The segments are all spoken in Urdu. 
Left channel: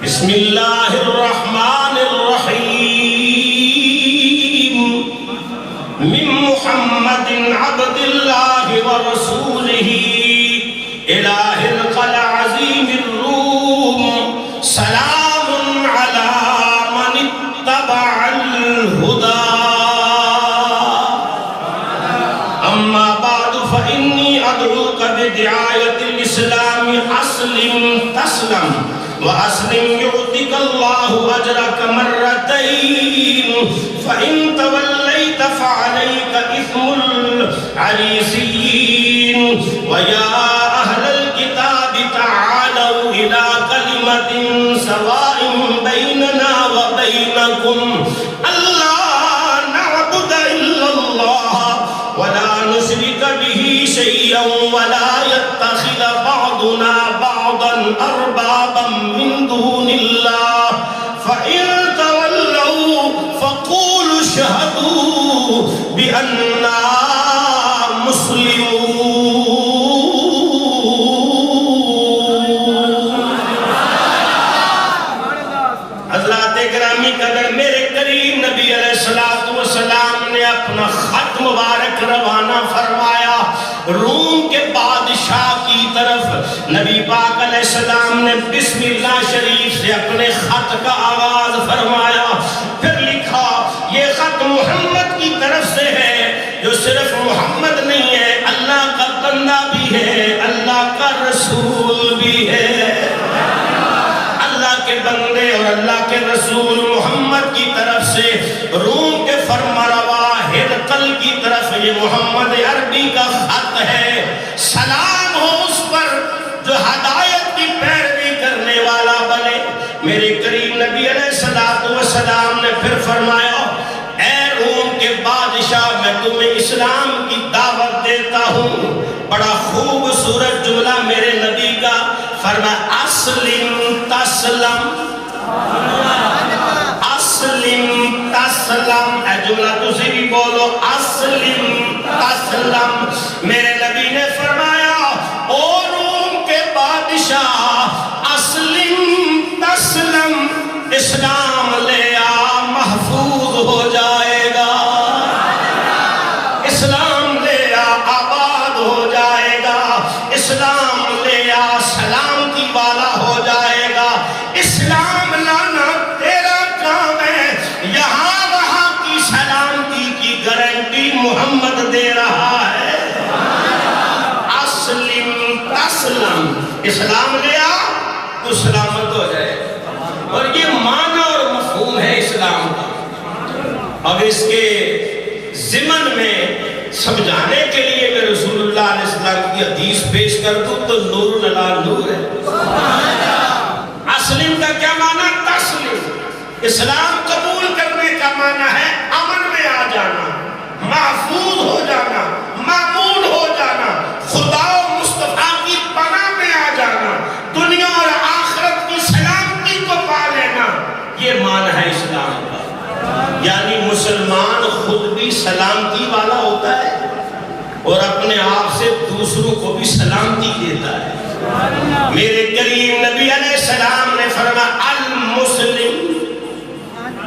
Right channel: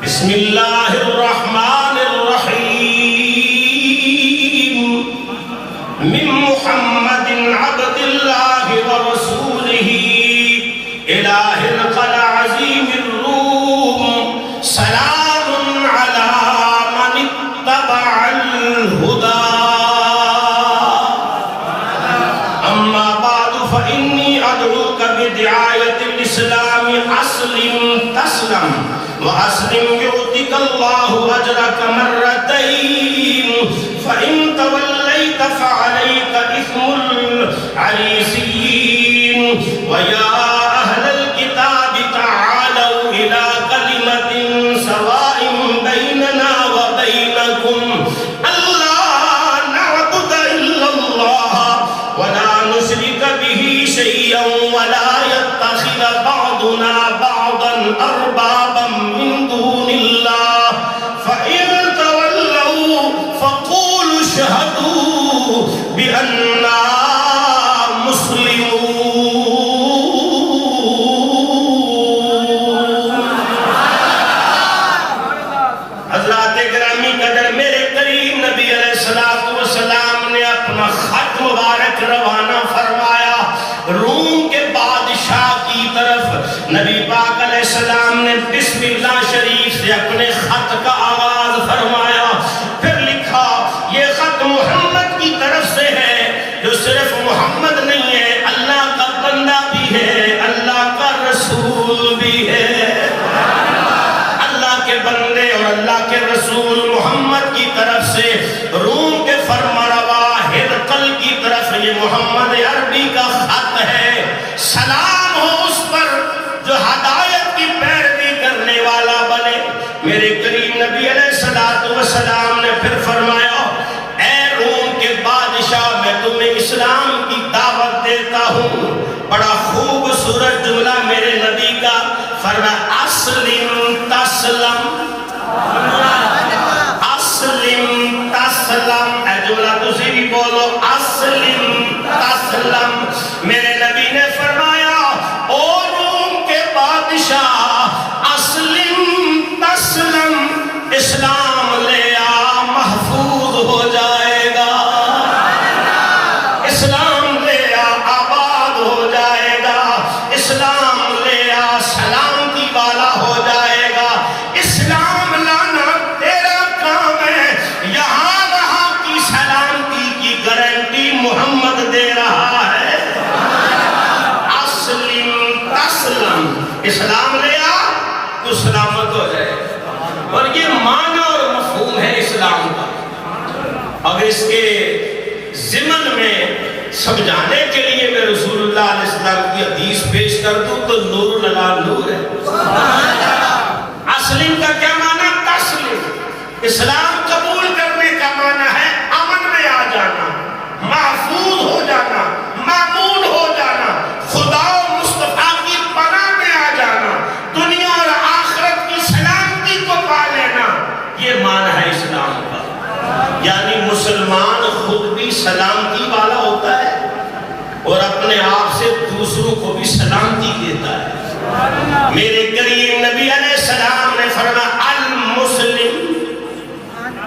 بسم اللہ الرحمن الرحیم من محمد عبد اللہ ورسولہ الہ القلع عظیم الروم سلام علی من اتبع الہدى اما بعد فإنی ادعوک بدعایت الاسلام اسلم تسلم وَأَسْلِمْ يُؤْتِكَ اللَّهُ أَجْرَكَ مَرَّتَيْنِ فَإِن تَوَلَّيْتَ فَعَلَيْكَ إِثْمُ الْعَرِيسِيِّينَ وَيَا أَهْلَ الْكِتَابِ تَعَالَوْا إِلَى كَلِمَةٍ سَوَاءٍ بَيْنَنَا وَبَيْنَكُمْ أَلَّا نَعْبُدَ إِلَّا اللَّهَ وَلَا نُشْرِكَ بِهِ شَيْئًا وَلَا يَتَّخِذَ بَعْضُنَا بَعْضًا أَرْبَابًا من دون الله فإن تولوا فقولوا اشهدوا بأننا مسلمون. حضرات گرامی قدر میرے قریب نبی علیہ السلام نے اپنا خط مبارک روانہ فرمایا روم کے بادشاہ کی طرف. نبی پاک علیہ السلام نے بسم اللہ شریف سے اپنے خط کا آغاز فرمایا، پھر لکھا یہ خط محمد کی طرف سے ہے، جو صرف محمد نہیں ہے، اللہ کا بندہ بھی ہے، اللہ کا رسول بھی ہے. اللہ کے بندے اور اللہ کے رسول محمد کی طرف سے روم کے فرمانروا ہرقل کی طرف یہ محمد عربی کا خط ہے. سلام ہو اس پر جو ہدایت کی پیروی کرنے والا بنے. میرے قریب نبی علیہ السلام نے پھر فرمایا اے روم کے بادشاہ میں تمہیں اسلام کی دعوت دیتا ہوں. بڑا خوبصورت جملہ میرے نبی کا فرمایا اسلم تسلم اسلم تسلم. اے جملہ تسی بھی بولو اسلم تسلم. میرے نبی نے فرمایا او روم کے بادشاہ اسلم تسلم، اسلام لے آ محفوظ ہو جائے گا، اسلام لے آ آباد ہو جائے گا، اسلام لے آ سلامتی والا ہو جائے گا. اسلام لانا تیرا کام ہے. یہاں وہاں کی سلامتی کی گارنٹی محمد دے رہا ہے. اسلم تسلم، اسلام لے آ تو سلامت ہو جائے. اور یہ معنی اور مفہوم ہے اسلام کا. اب اس کے ضمن میں سمجھانے کے لیے میں رسول اللہ علیہ السلام کی حدیث پیش کر دوں تو نور علی نور ہے. اسلم کا کیا معنی؟ تسلیم. اسلام قبول کرنے کا معنی ہے امن میں آ جانا، محفوظ ہو جانا، معمول ہو جانا، خدا و مصطفیٰ کی پناہ میں آ جانا، دنیا اور آخرت کی سلامتی کو پا لینا. یہ معنی ہے اسلام کا. یعنی مسلمان خود بھی سلامتی والا ہوتا ہے اور اپنے آپ سے دوسروں کو بھی سلامتی دیتا ہے. میرے قریب نبی علیہ السلام نے فرمایا المسلم،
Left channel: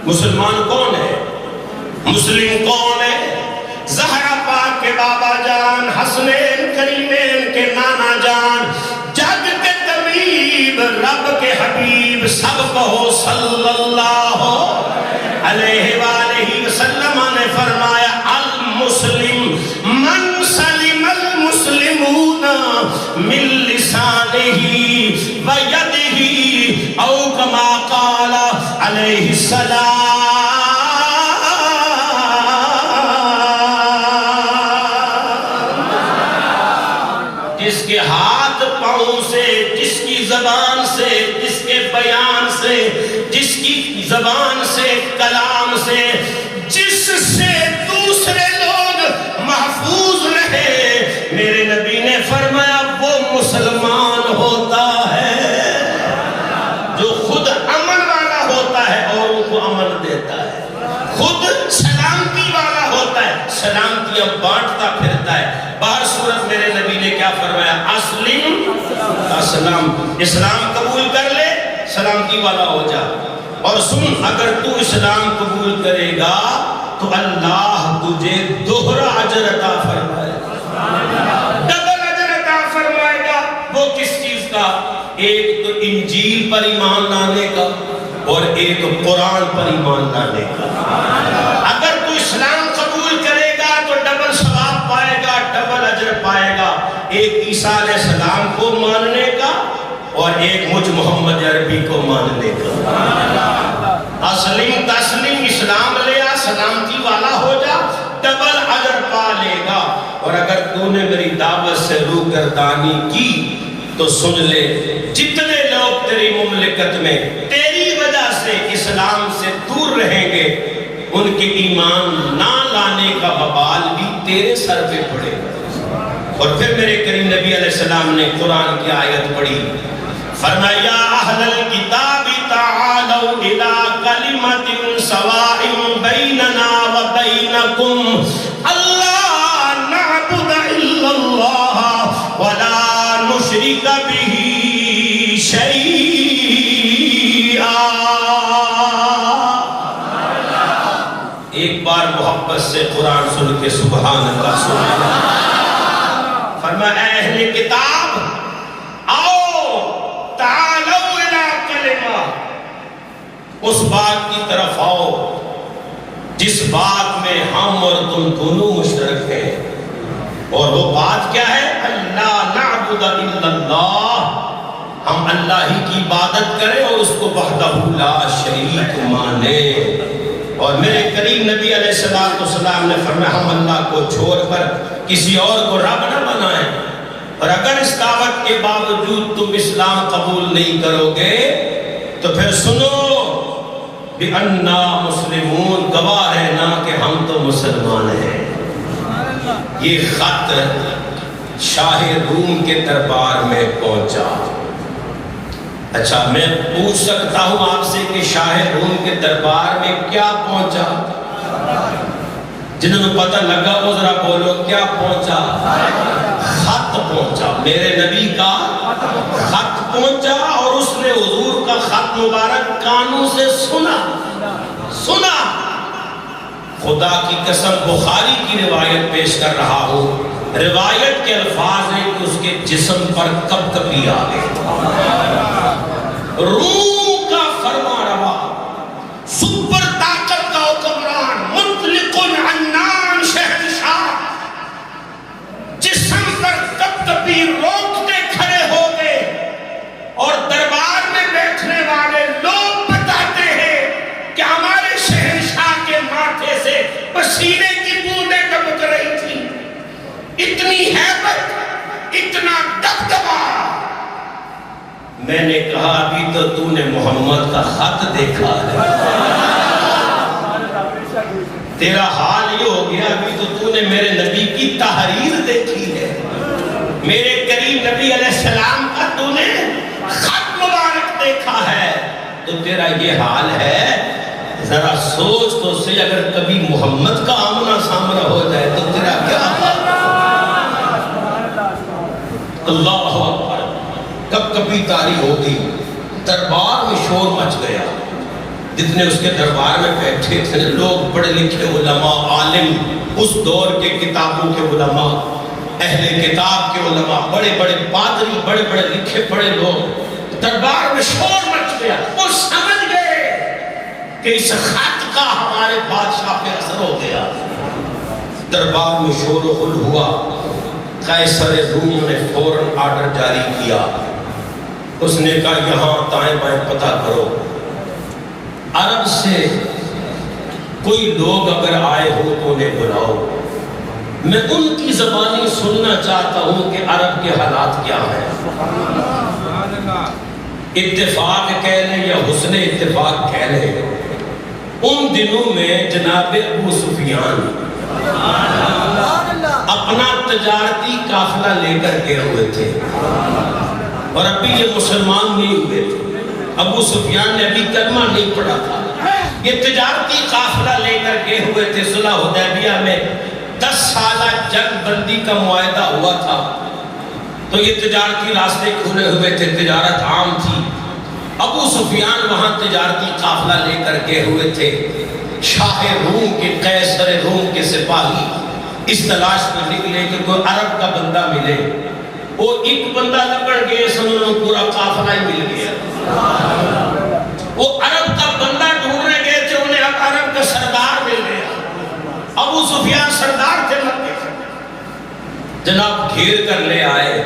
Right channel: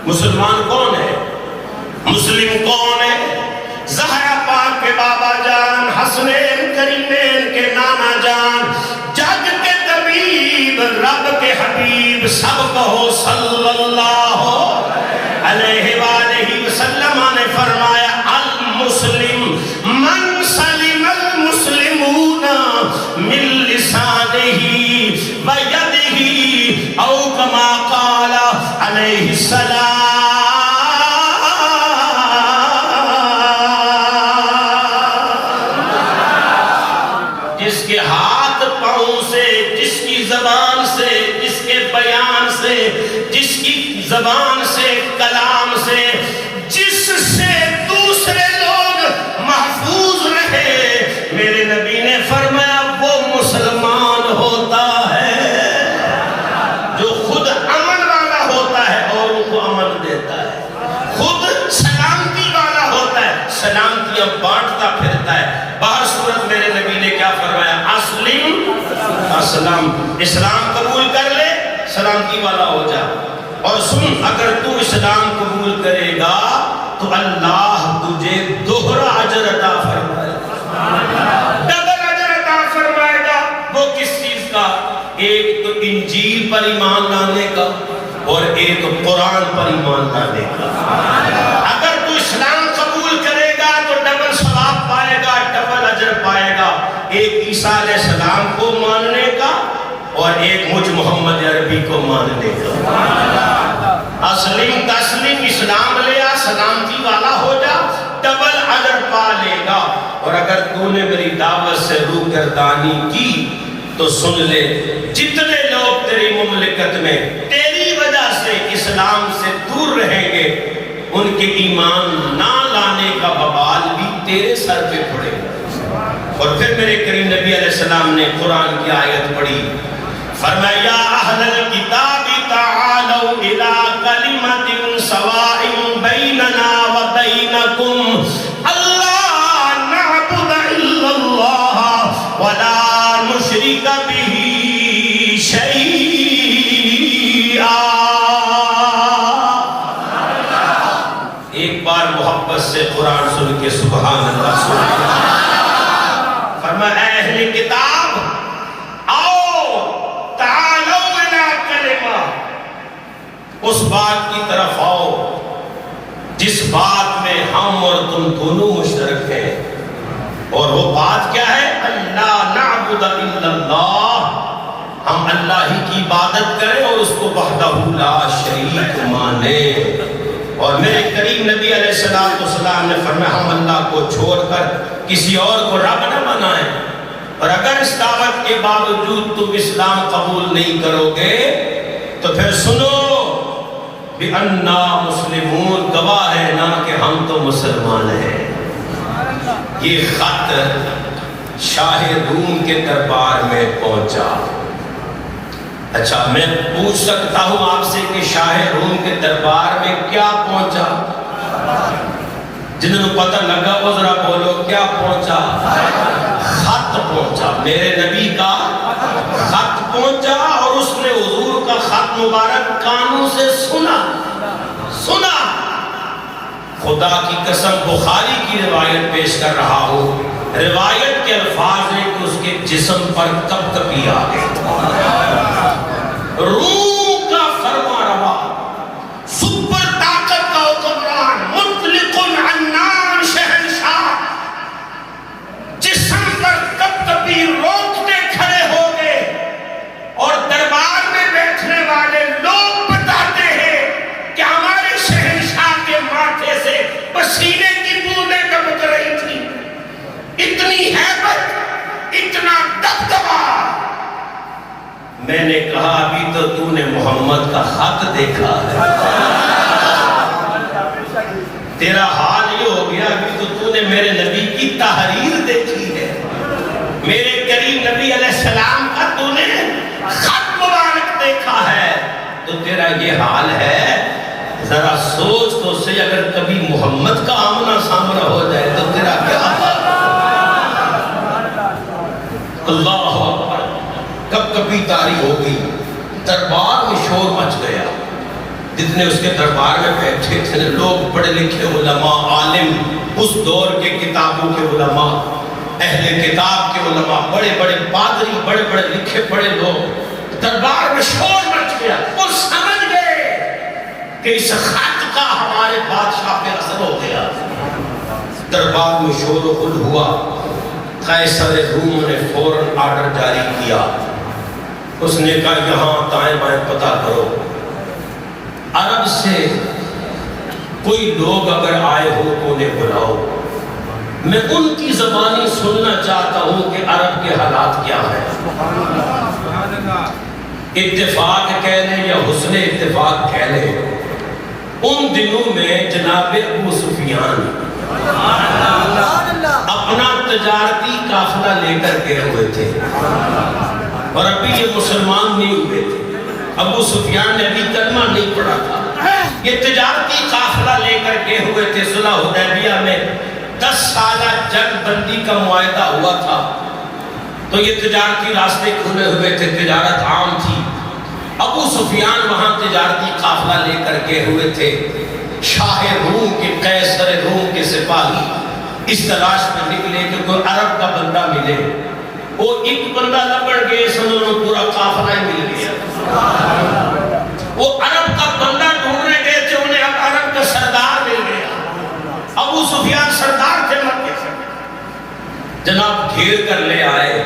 مسلمان کون ہے؟ مسلم کون ہے؟ زہرا پاک کے بابا جان، حسنین کریمین کے نانا جان، جگ کے طبیب، رب کے حبیب، سب کہو صلی اللہ علیہ وآلہ وسلم نے فرمایا المسلم من سلم المسلمون من لسانہ ویدہ او کما قال علیہ السلام. جس کے ہاتھ پاؤں سے، جس کی زبان سے، جس کے بیان سے، جس کی زبان سے، کلام سے، جس سے دوسرے لوگ محفوظ رہے، میرے نبی نے فرمایا وہ مسلمان ہوتا ہے جو خود امن والا ہوتا ہے اور ان کو امن دیتا ہے، خود سلامتی والا ہوتا ہے، سلامتیاں بانٹتا پھرتا ہے. بہر صورت میرے نبی نے کیا فرمایا؟ اسلم اسلام، اسلام قبول کر لے، سلامتی والا ہو جا. اور سن، اگر تو اسلام قبول کرے گا تو اللہ تجھے دوہرا اجر عطا فرمائے گا، ڈبل اجر عطا فرمائے گا. وہ کس چیز کا؟ ایک تو انجیل پر ایمان لانے کا اور ایک قرآن پر ایمان لانے کا. اگر تو اسلام قبول کرے گا تو ڈبل ثواب پائے گا، ڈبل اجر پائے گا. ایک عیسیٰ علیہ السلام کو ماننے کا اور ایک مجھ محمد عربی کو ماننے کا. اسلم تسلیم، اسلام لیا، سلامتی والا ہو جا، ڈبل اجر پا لے گا. اور اگر تو نے میری دعوت سے روگردانی کی تو سن لے، جتنے لوگ تیری مملکت میں تیری وجہ سے اسلام سے دور رہیں گے، ان کے ایمان نہ لانے کا وبال بھی تیرے سر پہ پڑے گا. اور پھر میرے کریم نبی علیہ السلام نے قرآن کی آیت پڑھی، فرمایا یا اہل الکتاب تعالوا الی کلمۃ سواء بیننا وبینکم الا نعبد الا اللہ ولا نشرک بہ شیئا. ایک بار محبت سے قرآن سن کے سبحان اللہ سبحان اللہ. فرمایا اے اہل کتاب آؤ، تعالوا الی کلمہ، اس بات کی طرف آؤ جس بات میں ہم اور تم دونوں مشترک ہیں. اور وہ بات کیا ہے؟ اللہ نعبد الا اللہ، ہم اللہ ہی کی عبادت کریں اور اس کو وحدہ لا شریک مانیں. اور میرے کریم نبی علیہ السلام نے فرمایا ہم اللہ کو چھوڑ کر کسی اور کو رب نہ بنائیں. اور اگر اس دعوت کے باوجود تم اسلام قبول نہیں کرو گے تو پھر سنو بِأَنَّا مُسْلِمُونَ، گواہ ہے نا کہ ہم تو مسلمان ہیں. یہ خط شاہ روم کے دربار میں پہنچا. اچھا میں پوچھ سکتا ہوں آپ سے کہ شاہ روم کے دربار میں کیا پہنچا؟ جنہوں نے پتہ لگا وہ ذرا بولو کیا پہنچا؟ خط پہنچا، میرے نبی کا خط پہنچا. اور اس نے حضور کا خط مبارک کانوں سے سنا. خدا کی قسم بخاری کی روایت پیش کر رہا ہوں، روایت کے الفاظ ہیں کہ اس کے جسم پر کب کبھی آ گئے. روم کا فرما روا، سپر طاقت کا حکمران، مطلق عنان شہنشاہ، جسم پر کب کبھی روکتے کھڑے ہو گئے. اور دربار میں بیٹھنے والے لوگ بتاتے ہیں کہ ہمارے شہنشاہ کے ماتھے سے پسینے کی بوندیں ٹپک رہی تھی. اتنی ہیبت، اتنا دبدبا. میں نے کہا ابھی تو نے محمد کا خط دیکھا ہے، تیرا حال یہ ہو گیا ابھی تو نے میرے نبی کی تحریر دیکھی ہے، میرے کریم نبی علیہ السلام کا تو نے خط مبارک دیکھا ہے، تو تیرا یہ حال ہے. ذرا سوچ تو سے، اگر کبھی محمد کا آمنا سامنا ہو جائے تو تیرا کیا حال؟ اللہ اکبر. کب کبھی تاری ہو گئی، دربار میں شور مچ گیا. جتنے اس کے دربار میں بیٹھے تھے لوگ، پڑھے لکھے علماء، عالم، اس دور کے کتابوں کے علماء، اہل کتاب کے علماء، بڑے بڑے پادری، بڑے بڑے لکھے پڑھے لوگ، دربار میں شور مچ گیا. وہ سمجھ گئے کہ اس خط کا ہمارے بادشاہ پہ اثر ہو گیا. دربار میں شور و غل ہوا. قیصر روم نے فوراً آرڈر جاری کیا. اس نے کہا یہاں دائیں بائیں پتہ کرو، عرب سے کوئی لوگ اگر آئے ہو تو انہیں بلاؤ. میں ان کی زبانی سننا چاہتا ہوں کہ عرب کے حالات کیا ہیں. اتفاق کہہ لیں یا حسن اتفاق کہہ لیں، ان دنوں میں جناب ابو سفیان اپنا تجارتی قافلہ لے کر گئے ہوئے تھے اور ابھی یہ مسلمان نہیں ہوئے تھے. ابو سفیان نے ابھی کلمہ نہیں پڑھا تھا. یہ تجارتی قافلہ لے کر گئے ہوئے تھے. صلح حدیبیہ میں 10 سالہ جنگ بندی کا معاہدہ ہوا تھا، تو یہ تجارتی راستے کھلے ہوئے تھے، تجارت عام تھی. ابو سفیان وہاں تجارتی قافلہ لے کر گئے ہوئے تھے. شاہ روم کے قیصر روم کے سپاہی اس تلاش میں نکلے کہ کوئی عرب کا بندہ ملے. وہ ایک بندہ لبڑ گئے، سنو پورا قافلہ ہی مل گیا. وہ عرب کا بندہ ڈھونڈنے گئے تھے، انہیں اب عرب کا سردار مل گیا. ابو سفیان سردار تھے مکے سے. جناب گھیر کر لے آئے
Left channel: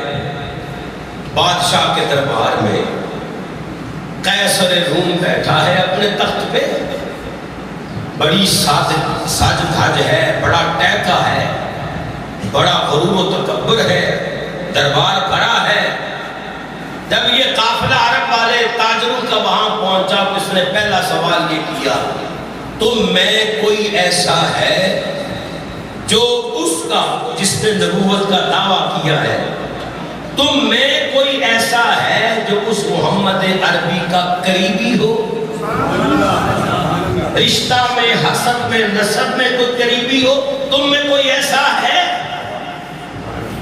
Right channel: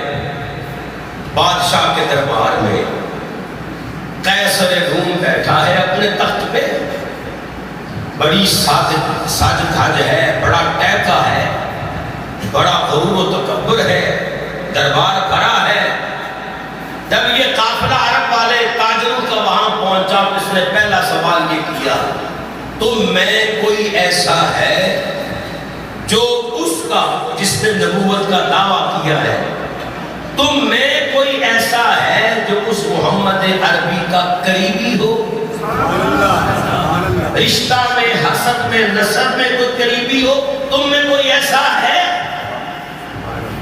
بادشاہ کے دربار میں. قیصر روم بیٹھا ہے اپنے تخت پہ، بڑی ساج دھاج ہے، بڑا ٹہکا ہے، بڑا غرور و تکبر ہے، دربار بڑا ہے. جب یہ قافلہ عرب والے تاجروں کا وہاں پہنچا، اس نے پہلا سوال یہ کیا، تم میں کوئی ایسا ہے جو اس کا جس نے نبوت کا دعویٰ کیا ہے، تم میں کوئی ایسا ہے جو اس محمد عربی کا قریبی ہو؟ رشتہ میں، حسب میں، نسب میں کوئی قریبی ہو، تم میں کوئی ایسا ہے؟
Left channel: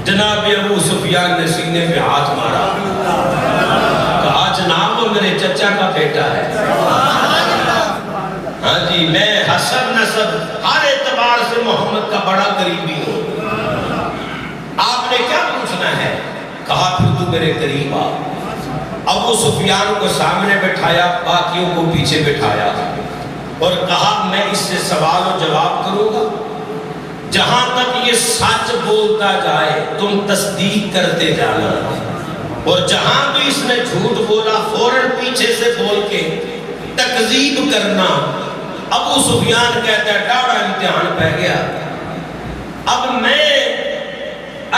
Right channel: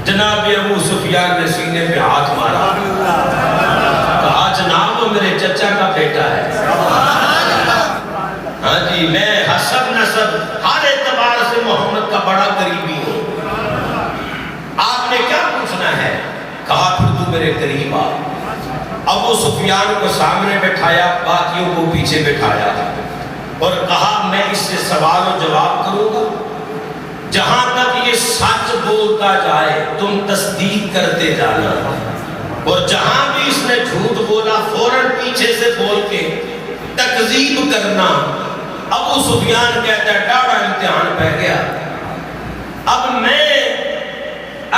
جناب ابو سفیان نے سینے پہ ہاتھ مارا، کہا جناب وہ میرے چچا کا بیٹا ہے. ہاں جی، میں حسب نسب ہر اعتبار سے محمد کا بڑا قریبی ہوں. آپ نے کیا پوچھنا ہے؟ کہا پھر تو میرے قریب آ. ابو سفیان کو سامنے بٹھایا، باقیوں کو پیچھے بٹھایا اور کہا میں اس سے سوال و جواب کروں گا، جہاں تک یہ سچ بولتا جائے تم تصدیق کرتے جانا، اور جہاں بھی اس نے جھوٹ بولا فوراً پیچھے سے بول کے تکذیب کرنا. ابو سفیان کہتا ہے ڈاڑا امتحان پہ گیا. اب میں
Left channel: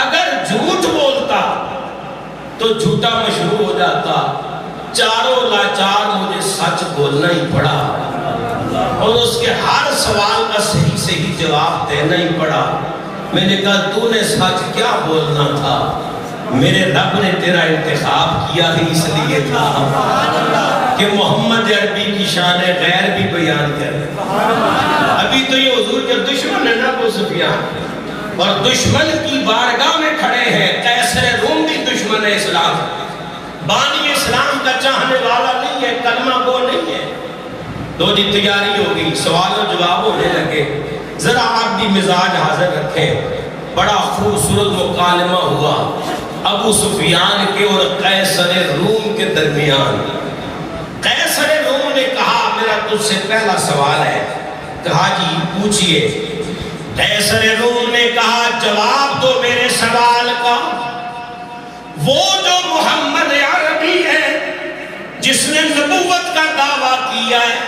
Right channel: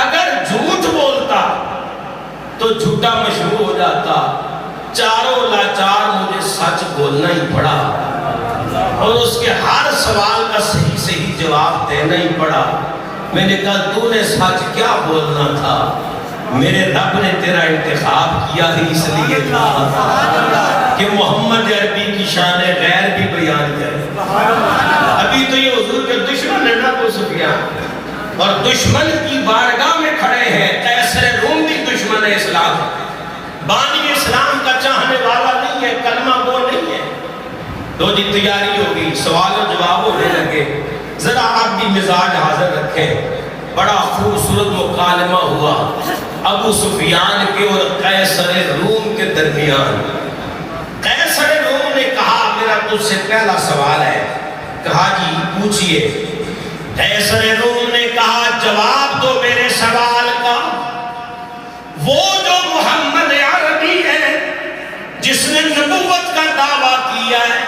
اگر جھوٹ بولتا تو جھوٹا مشہور ہو جاتا، چاروں لاچار مجھے سچ بولنا ہی پڑا اور اس کے ہر سوال کا صحیح صحیح جواب دینا ہی پڑا. میں نے کہا تو نے سچ کیا بولنا تھا، میرے رب نے تیرا انتخاب کیا ہی اس لیے تھا کہ محمد عربی کی شان غیر بھی بیان کرے. ابھی تو یہ حضور کے دشمن ہے نا ابو سفیان، اور دشمن کی بارگاہ میں کھڑے ہیں. قیصر روم بھی دشمن ہے اسلام، بانی اسلام کا چاہنے والا نہیں ہے، کلمہ گو نہیں ہے. تو جی تیاری ہوگی، سوال و جواب ہونے لگے. ذرا آپ بھی مزاج حاضر رکھیں. بڑا خوبصورت مکالمہ ہوا ابو سفیان کے اور قیصر روم کے درمیان. قیصر روم نے کہا میرا تجھ سے پہلا سوال ہے. کہا جی پوچھئے. قیصر روم نے کہا جواب دو میرے سوال کا. وہ جو محمد عربی ہے جس نے نبوت کا دعویٰ کیا ہے،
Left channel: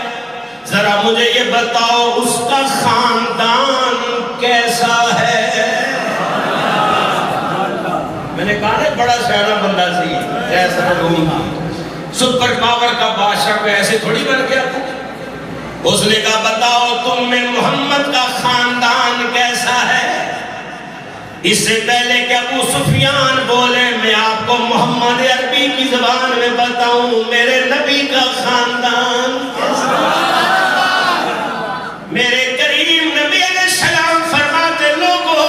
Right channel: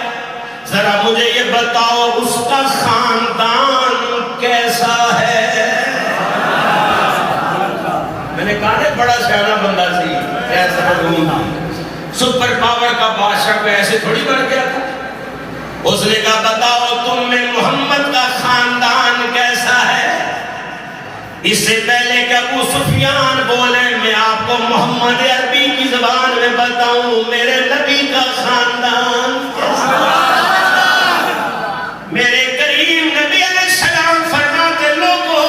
ذرا مجھے یہ بتاؤ اس کا خاندان کیسا ہے؟ میں نے کہا نا بڑا شاعرہ بندہ سی قیصر روم، سپر پاور کا بادشاہ کو ایسے تھوڑی بن گیا تھا. اس نے کہا بتاؤ تم میں محمد کا خاندان کیسا ہے؟ اس سے پہلے کہ ابو سفیان بولے میں آپ کو محمد عربی کی زبان میں بتاؤں میرے نبی کا خاندان کیسا ہے. میرے کریم نبی علیہ السلام فرماتے لوگوں،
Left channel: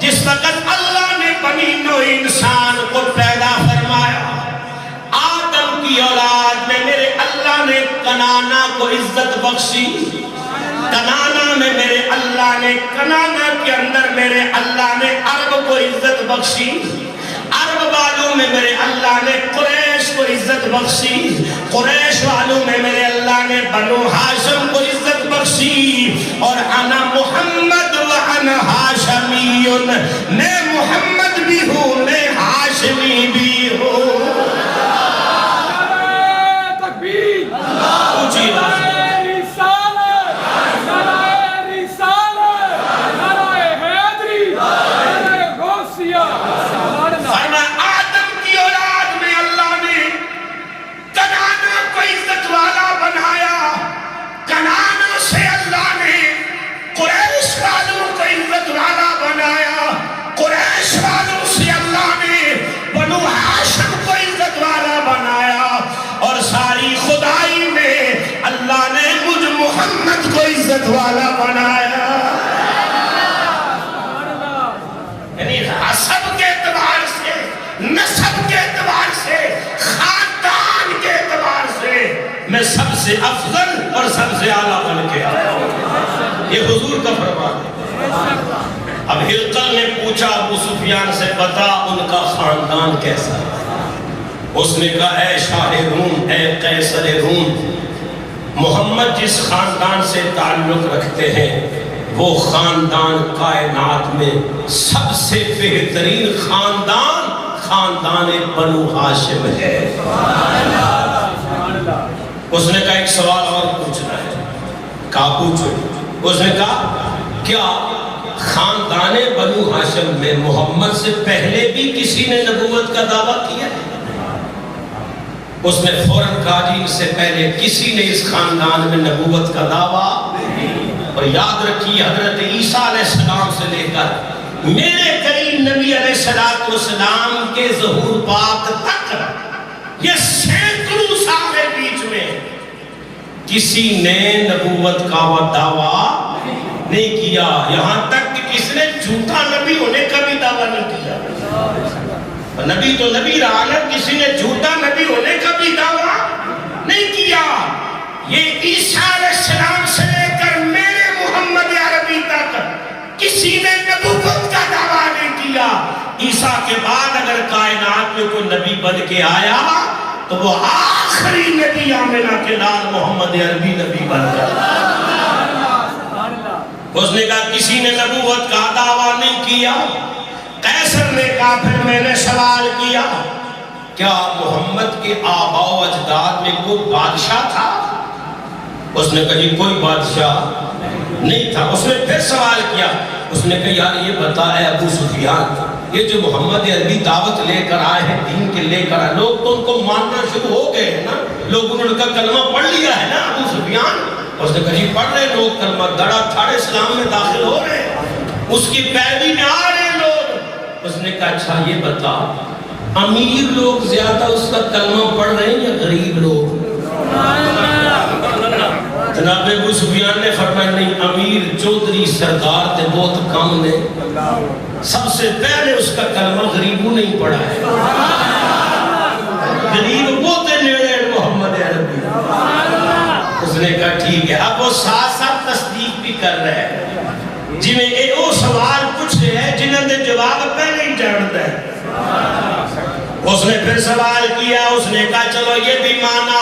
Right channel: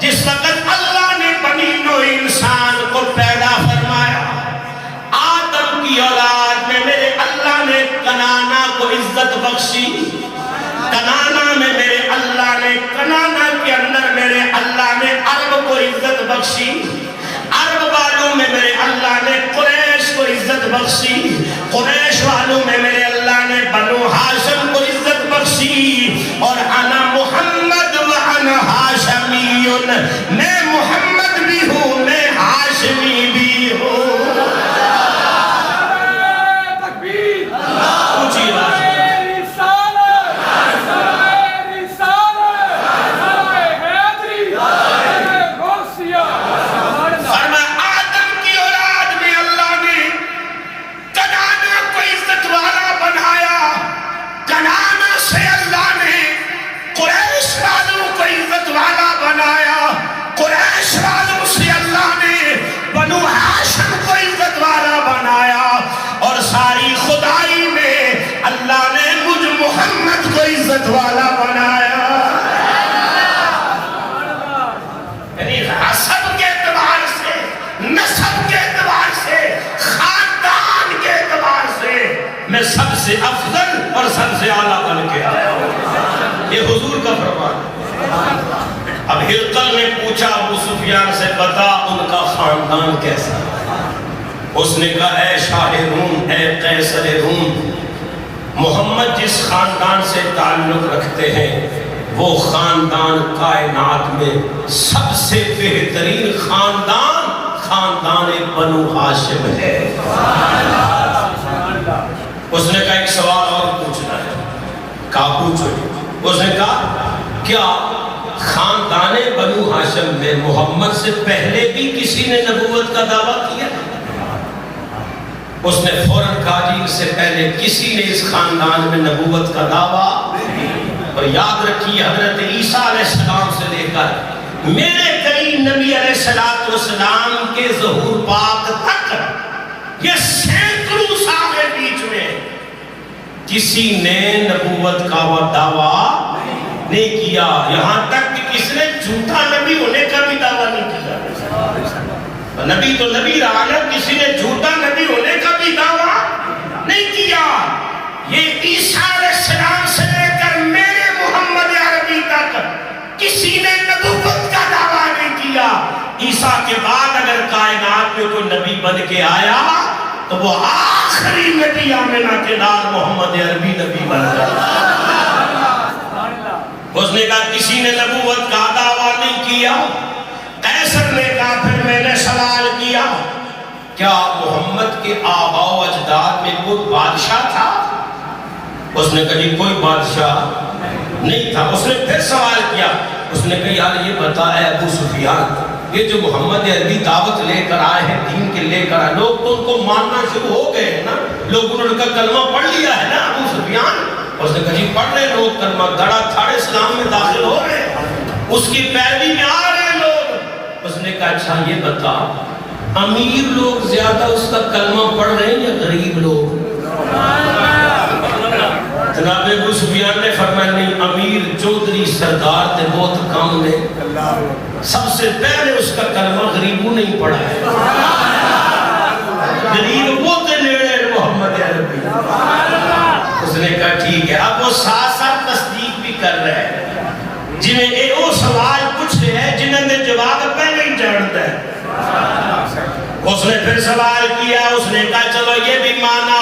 جس وقت اللہ نے بنی نوع انسان کو پیدا فرمایا، آدم کی اولاد میں میرے اللہ نے کنانا کو عزت بخشی. کنانا میں میرے اللہ نے، کنانا کے اندر میرے اللہ نے عرب کو عزت بخشی. عرب والوں میں میرے اللہ نے قریش کو عزت بخشی. قریش والوں میں میرے اللہ نے بنو ہاشم کو عزت بخشی. اور انا محمد و انا ہاشمی، میں محمد بھی ہوں میں ہاشمی بھی ہوں. اونچی آواز عزت والا بنایا. یعنی حسب کے اعتبار سے، نسب کے اعتبار سے، خاندان کے اعتبار سے میں سب سے افضل اور سب سے اعلیٰ بن کے آیا ہوں. یہ حضور کا فرمان ہے. اب ہرقل نے پوچھا ابو سفیان سے بتا ان کا خاندان کیسا. اس نے کہا اے شاہ روم، اے قیصر روم، محمد جس خاندان سے تعلق رکھتے ہیں وہ خاندان کائنات میں سب سے بہترین خاندان خاندان بنو ہاشم ہے. اس نے کہا ایک سوال اور پوچھنا ہے. کہا پوچھو. اس نے کہا کیا خاندان بنو ہاشم میں محمد سے پہلے بھی کسی نے نبوت کا دعویٰ کیا؟ اس نے فوراً کہا جی اس سے پہلے کسی نے اس خاندان میں نبوت کا دعویٰ. اور یاد رکھیے حضرت عیسیٰ علیہ السلام سے لے کر میرے کریم نبی علیہ السلام کے ظہور پاک تک یہ سینکڑوں سال کے بیچ میں کسی نے نبوت کا دعویٰ نہیں کیا. یہاں تک کہ کسی نے جھوٹا نبی ہونے کا بھی دعویٰ نہیں کیا. نبی تو نبی رہا ہے، کسی نے جھوٹا نبی ہونے کا بھی دعویٰ نہیں کیا. یہ عیسیٰ علیہ السلام سے لے کر میرے محمد عربی تک کسی نے نبوت کا دعویٰ نہیں کیا. عیسیٰ کے بعد اگر کائنات میں کوئی نبی بن کے آیا تو وہ آخری نبی آمنہ کے لال محمد عربی نبی بن جاتا. اس نے کہا کسی نے نبوت کا دعویٰ نہیں کیا. قیصر نے کہا پھر میں نے سوال کیا کیا محمد کے آباء و اجداد میں کوئی بادشاہ تھا؟ اس نے کہا جی کوئی بادشاہ نہیں تھا. اس نے پھر سوال کیا. اس نے کہا یار یہ بتا اے ابو سفیان، یہ جو محمد عربی دعوت لے کر آئے ہیں، دین کے لے کر آئے، لوگ تو ان کو ماننا شروع ہو گئے ہیں نا، لوگوں نے ان کا کلمہ پڑھ لیا ہے نا ابو سفیان. اس نے کہا جی پڑھ رہے لوگ کلمہ، دڑا تھاڑے اسلام میں داخل ہو رہے ہیں، اس کی پیروی میں آ رہے ہیں لوگ. اس نے کہا اچھا یہ بتا امیر لوگ زیادہ اس کا کلمہ پڑھ رہے ہیں یا غریب لوگ؟ جناب ابو سفیان نے فرمایا نہیں، امیر چودھری سردار تے بہت کم نے، سب سے پہلے اس کا کلمہ غریبوں نہیں پڑھا ہے. غریب وہ تے نیڑے محمد عربی. اس نے کہا ٹھیک ہے. اب وہ ساتھ ساتھ تصدیق بھی کر رہے ہیں جنہیں وہ سوال پوچھے ہیں جنہیں نے جواب پہلے ہی جانتا ہے. اس نے پھر سوال کیا. اس نے کہا چلو یہ بھی مانا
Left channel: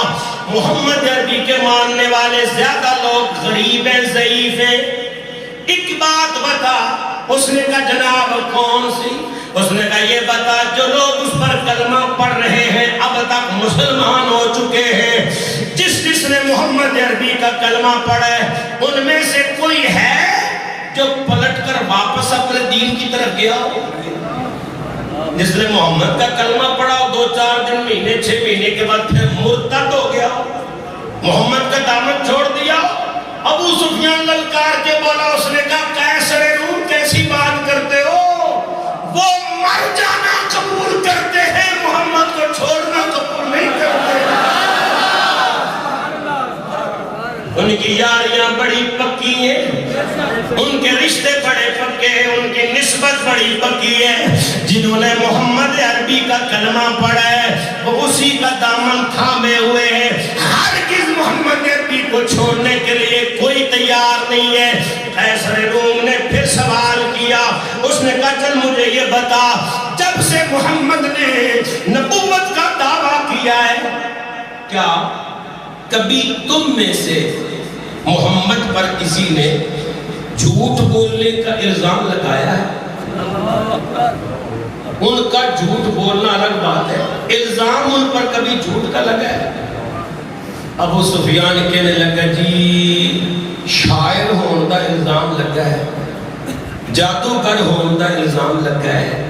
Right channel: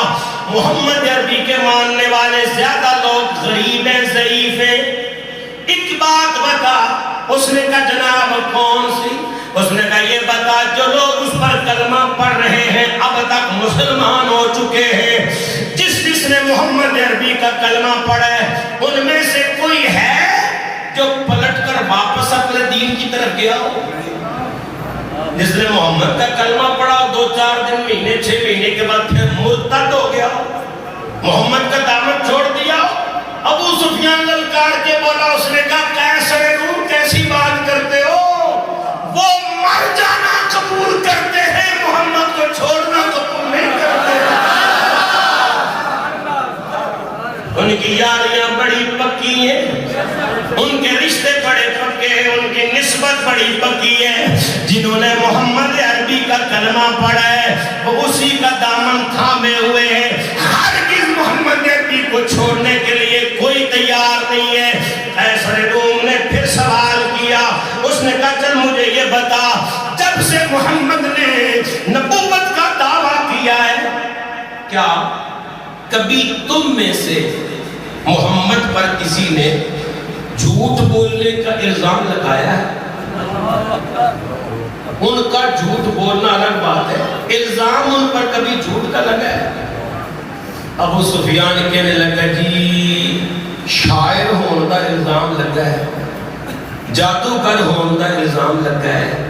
محمد عربی کے ماننے والے زیادہ لوگ غریب ہیں، ضعیف ہیں، ایک بات بتا. اس نے کہا جناب کون سی؟ اس نے کہا یہ بتا جو لوگ اس پر کلمہ پڑھ رہے ہیں اب تک مسلمان ہو چکے ہیں، جس نے محمد عربی کا کلمہ پڑھا ہے ان میں سے کوئی ہے جو پلٹ کر واپس اپنے دین کی طرف گیا ہو؟ جس نے محمد کا کلمہ پڑھا 2-4 دن، مہینے 6 مہینے کے بعد پھر مرتد ہو گیا، محمد کا دامن چھوڑ دیا. ابو سفیان للکار کے بولا. اس نے کہا قیصر روم کیسی بات کرتے ہو، وہ مر جانا قبول کرتے ہیں، محمد کو چھوڑنا قبول نہیں کرتے. ان کی یاریاں بڑی پکی ہیں، ان کے رشتے بڑے پکے ہیں، ان کی نسبت بڑی پکی ہے. جنہوں نے محمد عربی کا کلمہ پڑھا ہے وہ اسی کا دامن تھامے ہوئے ہیں، ہرگز محمد عربی کو چھوڑنے کے لیے کوئی تیار نہیں ہے. قیصر روم نے پھر سوال کیا. اس نے کہا چل مجھے یہ بتا جب سے محمد نے نبوت کا دعویٰ کیا ہے کیا کبھی تم میں سے محمد پر کسی نے جھوٹ بولنے کا الزام لگایا ہے؟ ان کا جھوٹ بولنا الگ بات ہے، الزام ان پر کبھی جھوٹ کا لگا ہے؟ ابو سفیان کہنے لگا جی شاعر ہونے کا الزام لگا ہے، جادوگر ہونے کا الزام لگا ہے،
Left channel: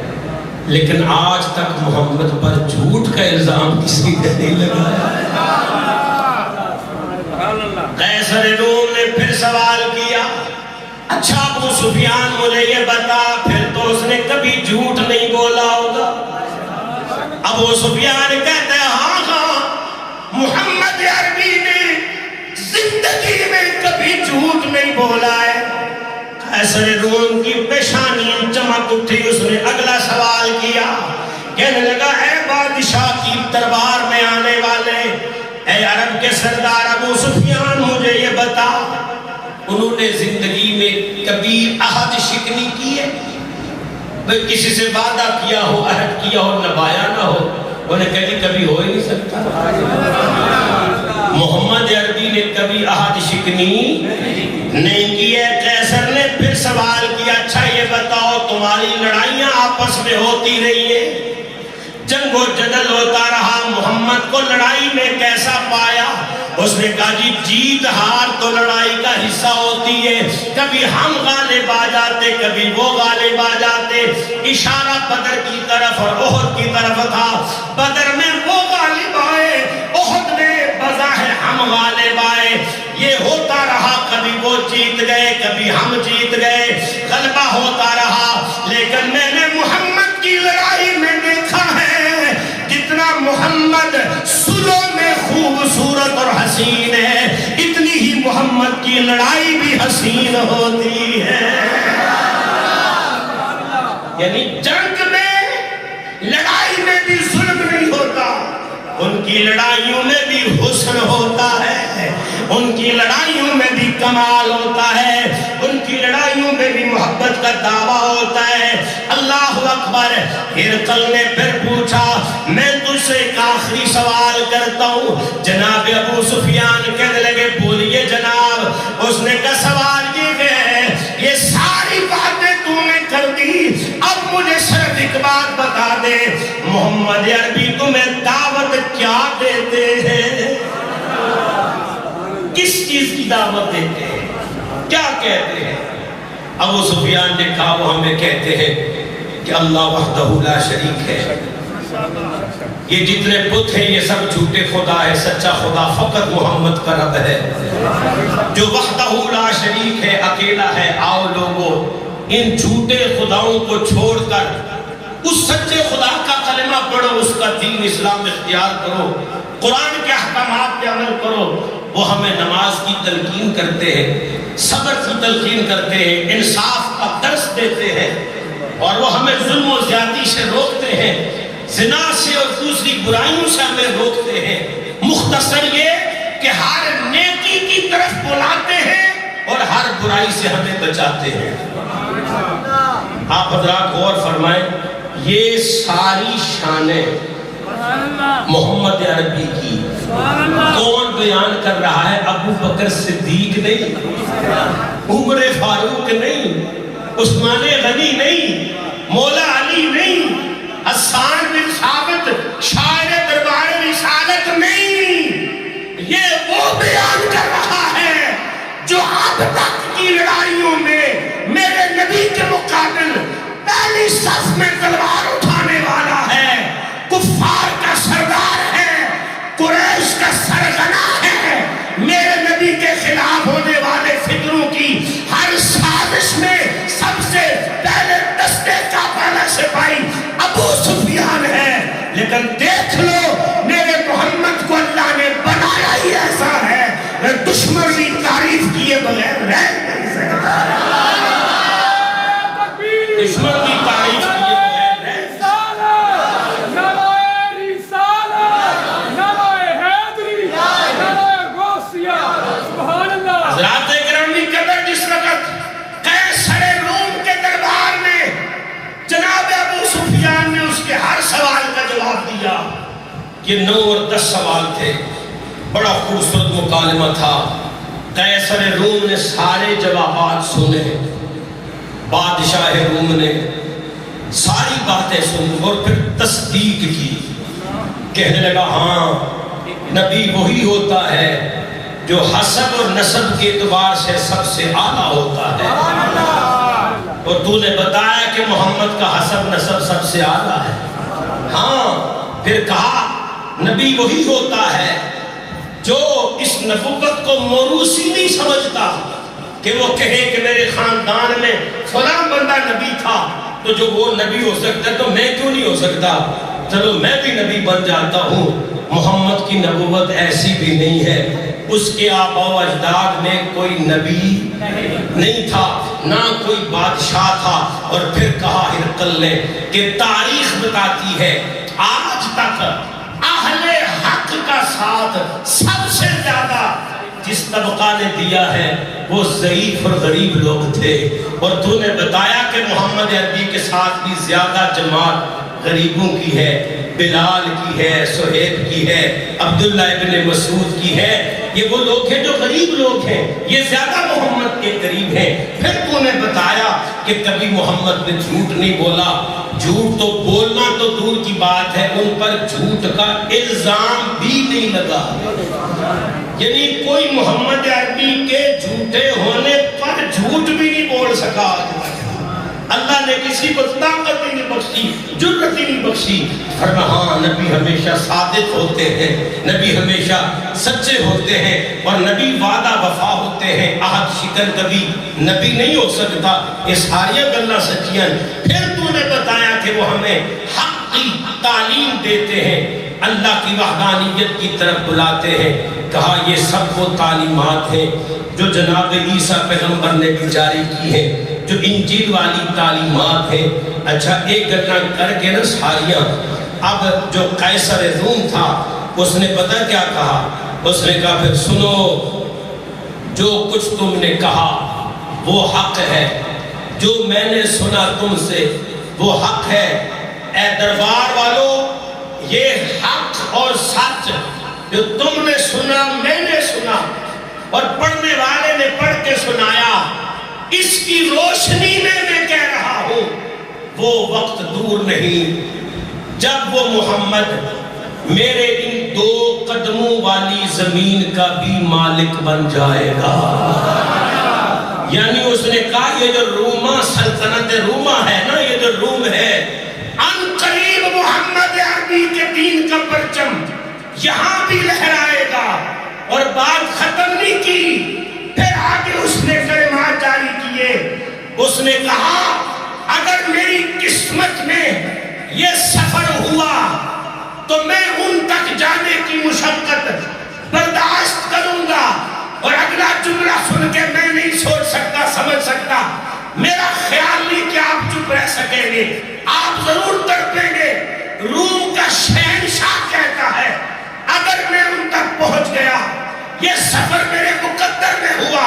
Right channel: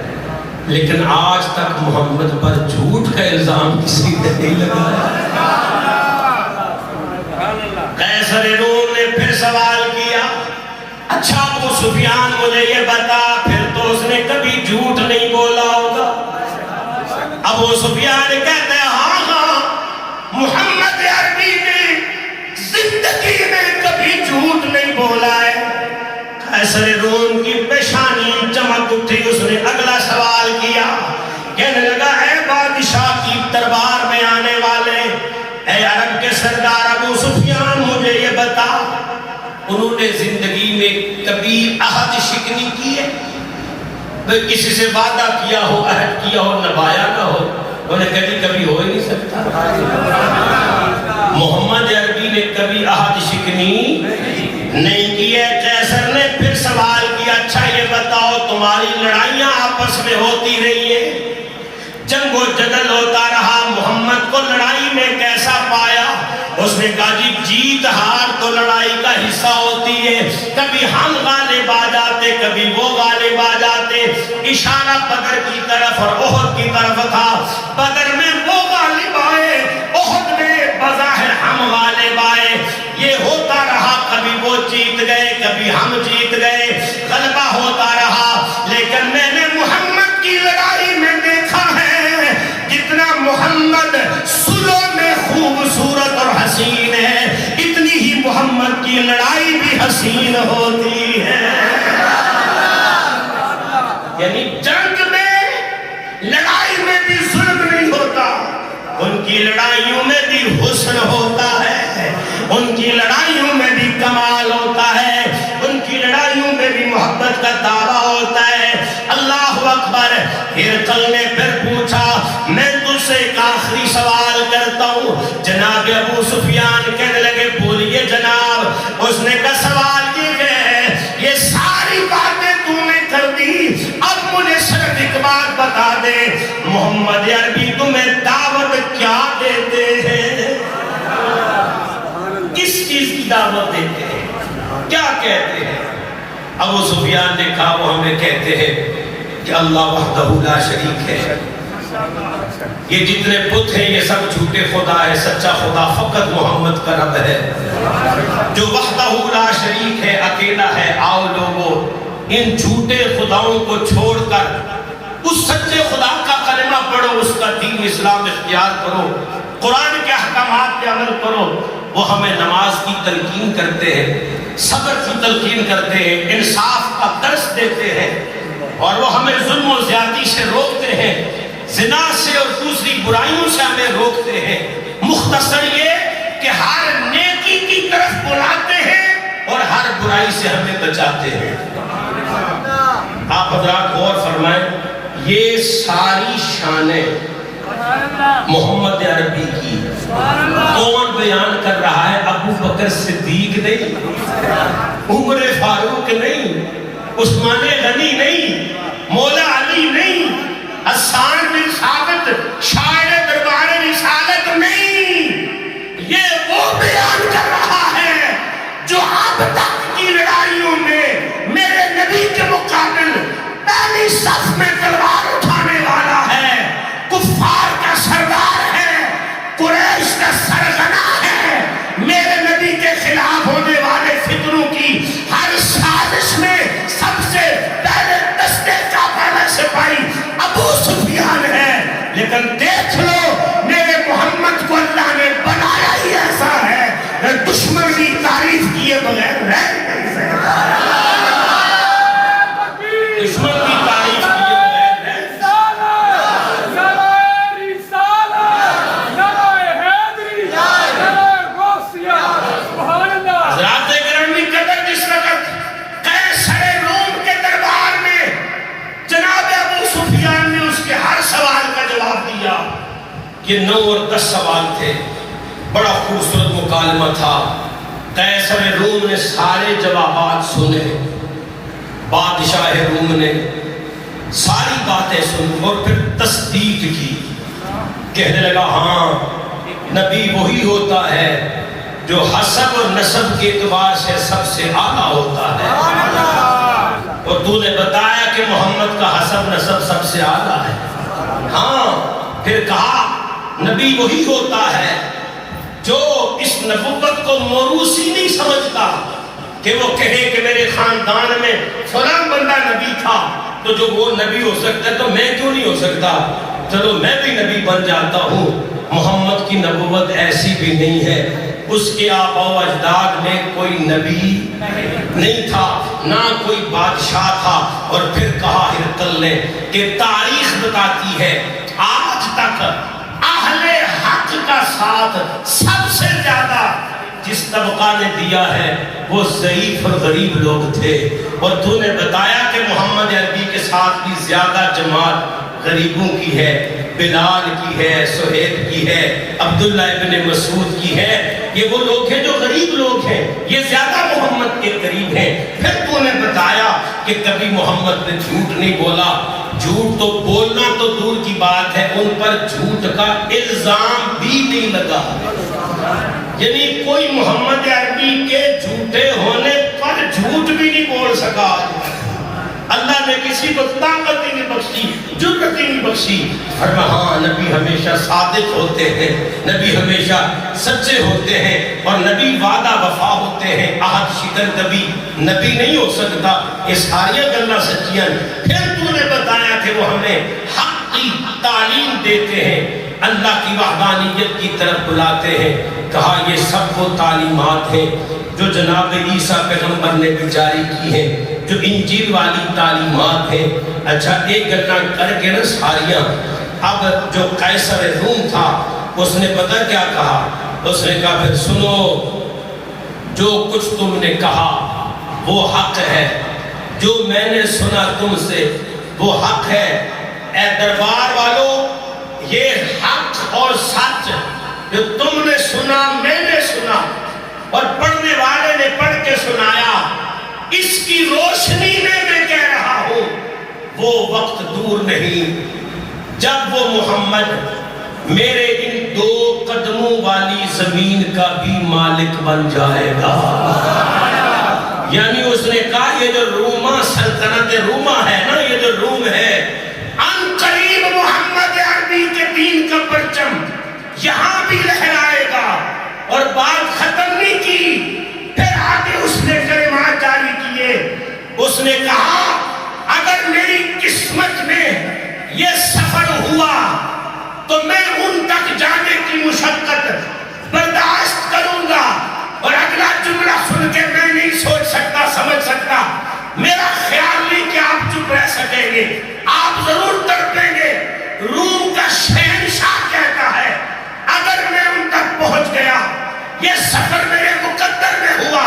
لیکن آج تک محمد پر جھوٹ کا الزام کسی نے نہیں لگایا. قیصر روم نے پھر سوال کیا اچھا ابو سفیان مجھے یہ بتا پھر تو اس نے کبھی جھوٹ نہیں بولا ہوگا؟ ابو سفیان کہتے ہیں ہاں محمد عربی نے زندگی میں کبھی جھوٹ نہیں بولا ہے. قیصر روم کی پیشانی چمک اٹھی. اس نے اگلا سوال کیا، کہنے لگا اے بادشاہ کی دربار میں آنے والے، اے عرب کے سردار شکنی کی ہے؟ بھئی کسی سے وعدہ کیا ہو، عہد کیا ہو، نبھایا نہ ہو، انہیں کبھی ہو ہی نہیں سکتا۔ محمد عربی نے کبھی عہد شکنی نہیں کی ہے۔ قیصر نے پھر سوال کیا، اچھا یہ بتاؤ تمہاری لڑائیاں آپس میں ہوتی رہی ہے، جنگ و جدل ہوتا رہا، محمد کو لڑائی میں کیسا پایا؟ اس نے کہا جی جیت ہار تو لڑائی کا حصہ ہوتی ہے، کبھی ہم غالب آ جاتے، کبھی وہ غالب آ جاتے۔ اشارہ بدر کی طرف اور احد کی طرف تھا، بدر میں وہ غالب آئے، احد میں بظاہر ہم غالب آئے، یہ ہوتا رہا، کبھی وہ جیت گئے کبھی ہم جیت گئے، غلبہ ہوتا رہا۔ لیکن میں نے محمد کی لڑائی میں دیکھا ہے کتنا محمد سلو میں خوبصورت اور حسین ہے، اتنی ہی محمد کی لڑائی بھی حسین ہوتی ہے۔ یعنی جنگ میں لڑائی میں بھی ظلم نہیں ہوتا، ان کی لڑائیوں میں بھی حسن ہوتا ہے، ان کی لڑائیوں میں بھی کمال ہوتا ہے، ان کی لڑائیوں میں بھی محبت کا دعویٰ ہوتا ہے۔ اللہ اکبر۔ ہرقل نے پھر پوچھا، میں تجھ سے ایک آخری سوال کرتا ہوں۔ جناب ابو سفیان کہنے لگے بولیے جناب۔ اس نے کہا سوال یہ ہے، یہ ساری باتیں تو نے کر دی، اب مجھے صرف ایک بات بتا دے، محمد عربی تمہیں دعوت کیا دیتے ہیں؟ کس چیز کی دعوت دیتے ہیں؟ کیا کہتے ہیں؟ ابو سفیان نے کہا وہ ہمیں کہتے ہیں کہ اللہ وحدہ لا شریک ہے، یہ جتنے بت ہیں یہ سب جھوٹے خدا ہے، سچا خدا فقط محمد کا رب ہے جو وحدہ لا شریک ہے، اکیلا ہے۔ آؤ لوگوں ان جھوٹے خداؤں کو چھوڑ کر اس سچے خدا کا کلمہ پڑھو، اس کا دین اسلام اختیار کرو، قرآن کے احکامات پہ عمل کرو۔ وہ ہمیں نماز کی تلقین کرتے ہیں، صبر کی تلقین کرتے ہیں، انصاف کا درس دیتے ہیں، اور وہ ہمیں ظلم و زیادتی سے روکتے ہیں، زنا سے اور دوسری برائیوں سے ہمیں روکتے ہیں۔ مختصر یہ کہ ہر نیکی کی طرف بلاتے ہیں اور ہر برائی سے ہمیں بچاتے ہیں۔ آپ حضرات غور فرمائیں، یہ ساری شانیں محمد عربی کی کون بیان کر رہا ہے؟ ابو بکر صدیق نہیں، عمر فاروق نہیں، عثمان غنی نہیں، مولا علی نہیں، حسان بن ثابت شاعر دربار رسالت نہیں، یہ وہ بیان کر رہا ہے جو اب تک کی لڑائیوں میں میرے نبی کے مقابل پہلی صف میں تلوار اٹھانے والا ہے، کفار کا سردار ہے، قریش کا سرغنہ ہے، میرے نبی کے خلاف ہونے والے فتنوں کی ہر سازش میں سب سے پہلے دستے کا پہلا سپاہی ابو سفیان ہے۔ لیکن دیکھ لو میرے محمد کو اللہ نے بنایا ہی ایسا ہے، دشمن کی تعریف کیے بغیر رہ نہیں سکتا، دشمن کی تعریف کیے بغیر رہ نہیں سکتا۔ حضرات گرامی قدر، جس وقت قیصر روم کے دربار میں جناب ابو سفیان نے اس کے ہر سوال کا جواب دیا، یہ 9 اور 10 سوال تھے، بڑا خوبصورت مکالمہ تھا۔ قیصر روم نے سارے جوابات سنے، بادشاہ روم نے ساری باتیں سنی اور پھر تصدیق کی، کہنے لگا ہاں نبی وہی ہوتا ہے جو حسب اور نسب کے اعتبار سے سب سے اعلیٰ ہوتا ہے، اور تو نے بتایا کہ محمد کا حسب نسب سب سے اعلیٰ ہے۔ ہاں پھر کہا نبی وہی ہوتا ہے جو اس نبوت کو موروثی نہیں سمجھتا، کہ وہ کہے کہ میرے خاندان میں فلاں بندہ نبی تھا تو جو وہ نبی ہو سکتا ہے تو میں کیوں نہیں ہو سکتا، چلو میں بھی نبی بن جاتا ہوں۔ محمد کی نبوت ایسی بھی نہیں ہے، اس کے آباء و اجداد میں کوئی نبی نہیں تھا، نہ کوئی بادشاہ تھا۔ اور پھر کہا ہرقل نے کہ تاریخ بتاتی ہے آج تک اہل حق کا ساتھ سب سے زیادہ جس طبقہ نے دیا ہے وہ ضعیف اور غریب لوگ تھے، اور تو نے بتایا کہ محمد عربی کے ساتھ بھی زیادہ جماعت غریبوں کی ہے، بلال کی ہے، سہیب کی ہے، عبداللہ ابن مسعود کی ہے، یہ وہ لوگ ہیں جو غریب لوگ ہیں، یہ زیادہ محمد کے قریب ہیں۔ پھر تو نے بتایا کہ کبھی محمد نے جھوٹ نہیں بولا، جھوٹ تو بولنا تو دور کی بات ہے، ان پر جھوٹ کا الزام بھی نہیں لگا، یعنی کوئی محمد عربی کے جھوٹے ہونے پر جھوٹ بھی نہیں بول سکا۔ اللہ نے کسی کو طاقت ہی نہیں بخشی، جرأت ہی نہیں بخشی۔ ہاں نبی ہمیشہ صادق ہوتے ہیں، نبی ہمیشہ سچے ہوتے ہیں، اور نبی وعدہ وفا ہوتے ہیں، عہد شکن کبھی نبی نہیں ہو سکتا، یہ ساری گلاں سچیاں۔ پھر تو نے بتایا کہ وہ ہمیں حق کی تعلیم دیتے ہیں، اللہ کی وحدانیت کی طرف بلاتے ہیں۔ کہا یہ سب وہ تعلیمات ہیں جو جناب عیسیٰ پیغمبر نے بھی جاری کی ہیں، جو انجیل والی تعلیمات ہیں۔ اچھا ایک گھٹنا کر کے نا ساریاں، اب جو قیصر روم تھا اس نے پتہ کیا کہا، اس نے کہا پھر سنو، جو کچھ تم نے کہا وہ حق ہے، جو میں نے سنا تم سے وہ حق ہے۔ اے دربار والو، یہ حق اور سچ جو تم نے سنا، میں نے سنا، اور پڑھنے والے نے پڑھ کے سنایا، اس کی روشنی میں کہہ رہا ہوں، وہ وقت دور نہیں جب وہ محمد میرے ان 2 قدموں والی زمین کا بھی مالک بن جائے گا۔ یعنی اس نے کہا یہ جو روما سلطنت روما ہے نا، یہ جو روم ہے، ان قریب محمد عربی کے دین کا پرچم یہاں بھی لہرائے گا۔ اور بات ختم نہیں کی، پھر آگے اس نے کلمات جاری کیے، اس نے کہا اگر میری قسمت میں یہ سفر ہوا تو میں ان تک جانے کی مشقت برداشت کروں گا۔ اور اگلا جملہ سن کے میں نہیں سوچ سکتا، سمجھ سکتا، میرا خیال نہیں کہ آپ چپ رہ سکیں گے، آپ ضرور تڑپیں گے۔ روم کا شہنشاہ کہتا ہے اگر میں ان تک پہنچ گیا، یہ سفر میرے مقدر میں ہوا،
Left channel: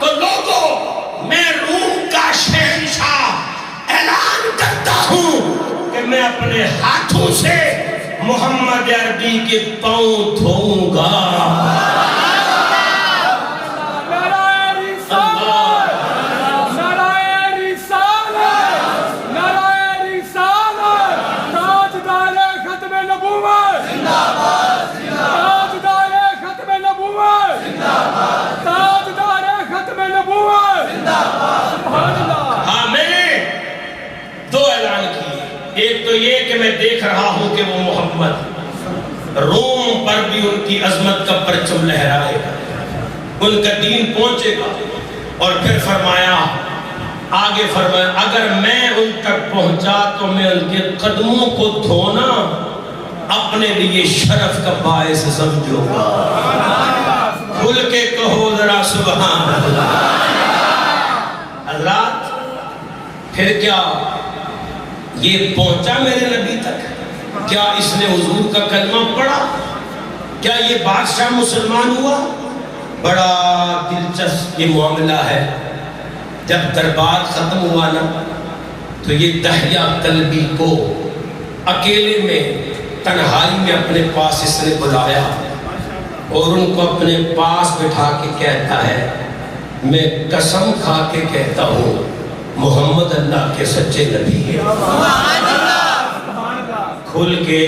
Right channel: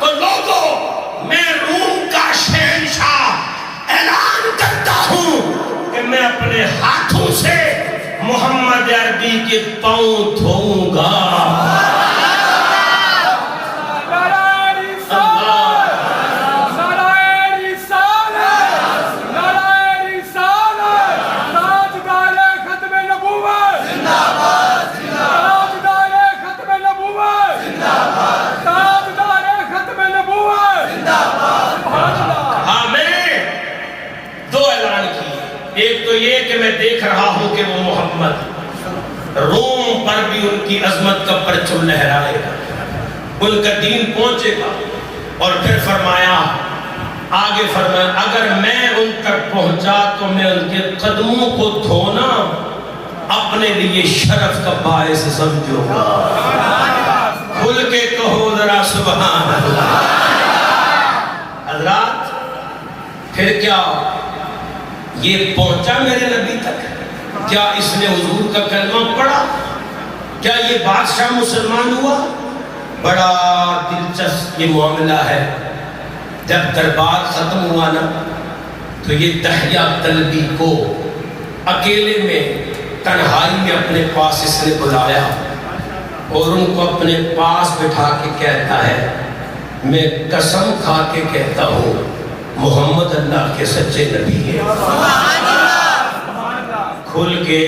تو لوگوں میں روم کا شہنشاہ اعلان کرتا ہوں کہ میں اپنے ہاتھوں سے محمد عربی کے پاؤں دھوؤں گا۔ ایک تو یہ کہ میں دیکھ رہا ہوں کہ وہ محمد روم پر بھی ان کی عظمت کا پرچم لہرائے گا، ان کا دین پہنچے گا۔ اور پھر فرمایا، آگے فرمایا اگر میں ان تک پہنچا تو میں ان کے قدموں کو دھونا اپنے لیے شرف کا باعث سمجھوں گا۔ کھل کے کہو ذرا سبحان اللہ۔ حضرات پھر کیا یہ پہنچا میرے نبی تک؟ کیا اس نے حضور کا کلمہ پڑھا؟ کیا یہ بادشاہ مسلمان ہوا؟ بڑا دلچسپ یہ معاملہ ہے۔ جب دربار ختم ہوا نا تو یہ دہیا کلبی کو اکیلے میں تنہائی میں اپنے پاس اس نے بلایا اور ان کو اپنے پاس بٹھا کے کہتا ہے، میں قسم کھا کے کہتا ہوں محمد اللہ کے سچے نبی ہیں۔ کھل کے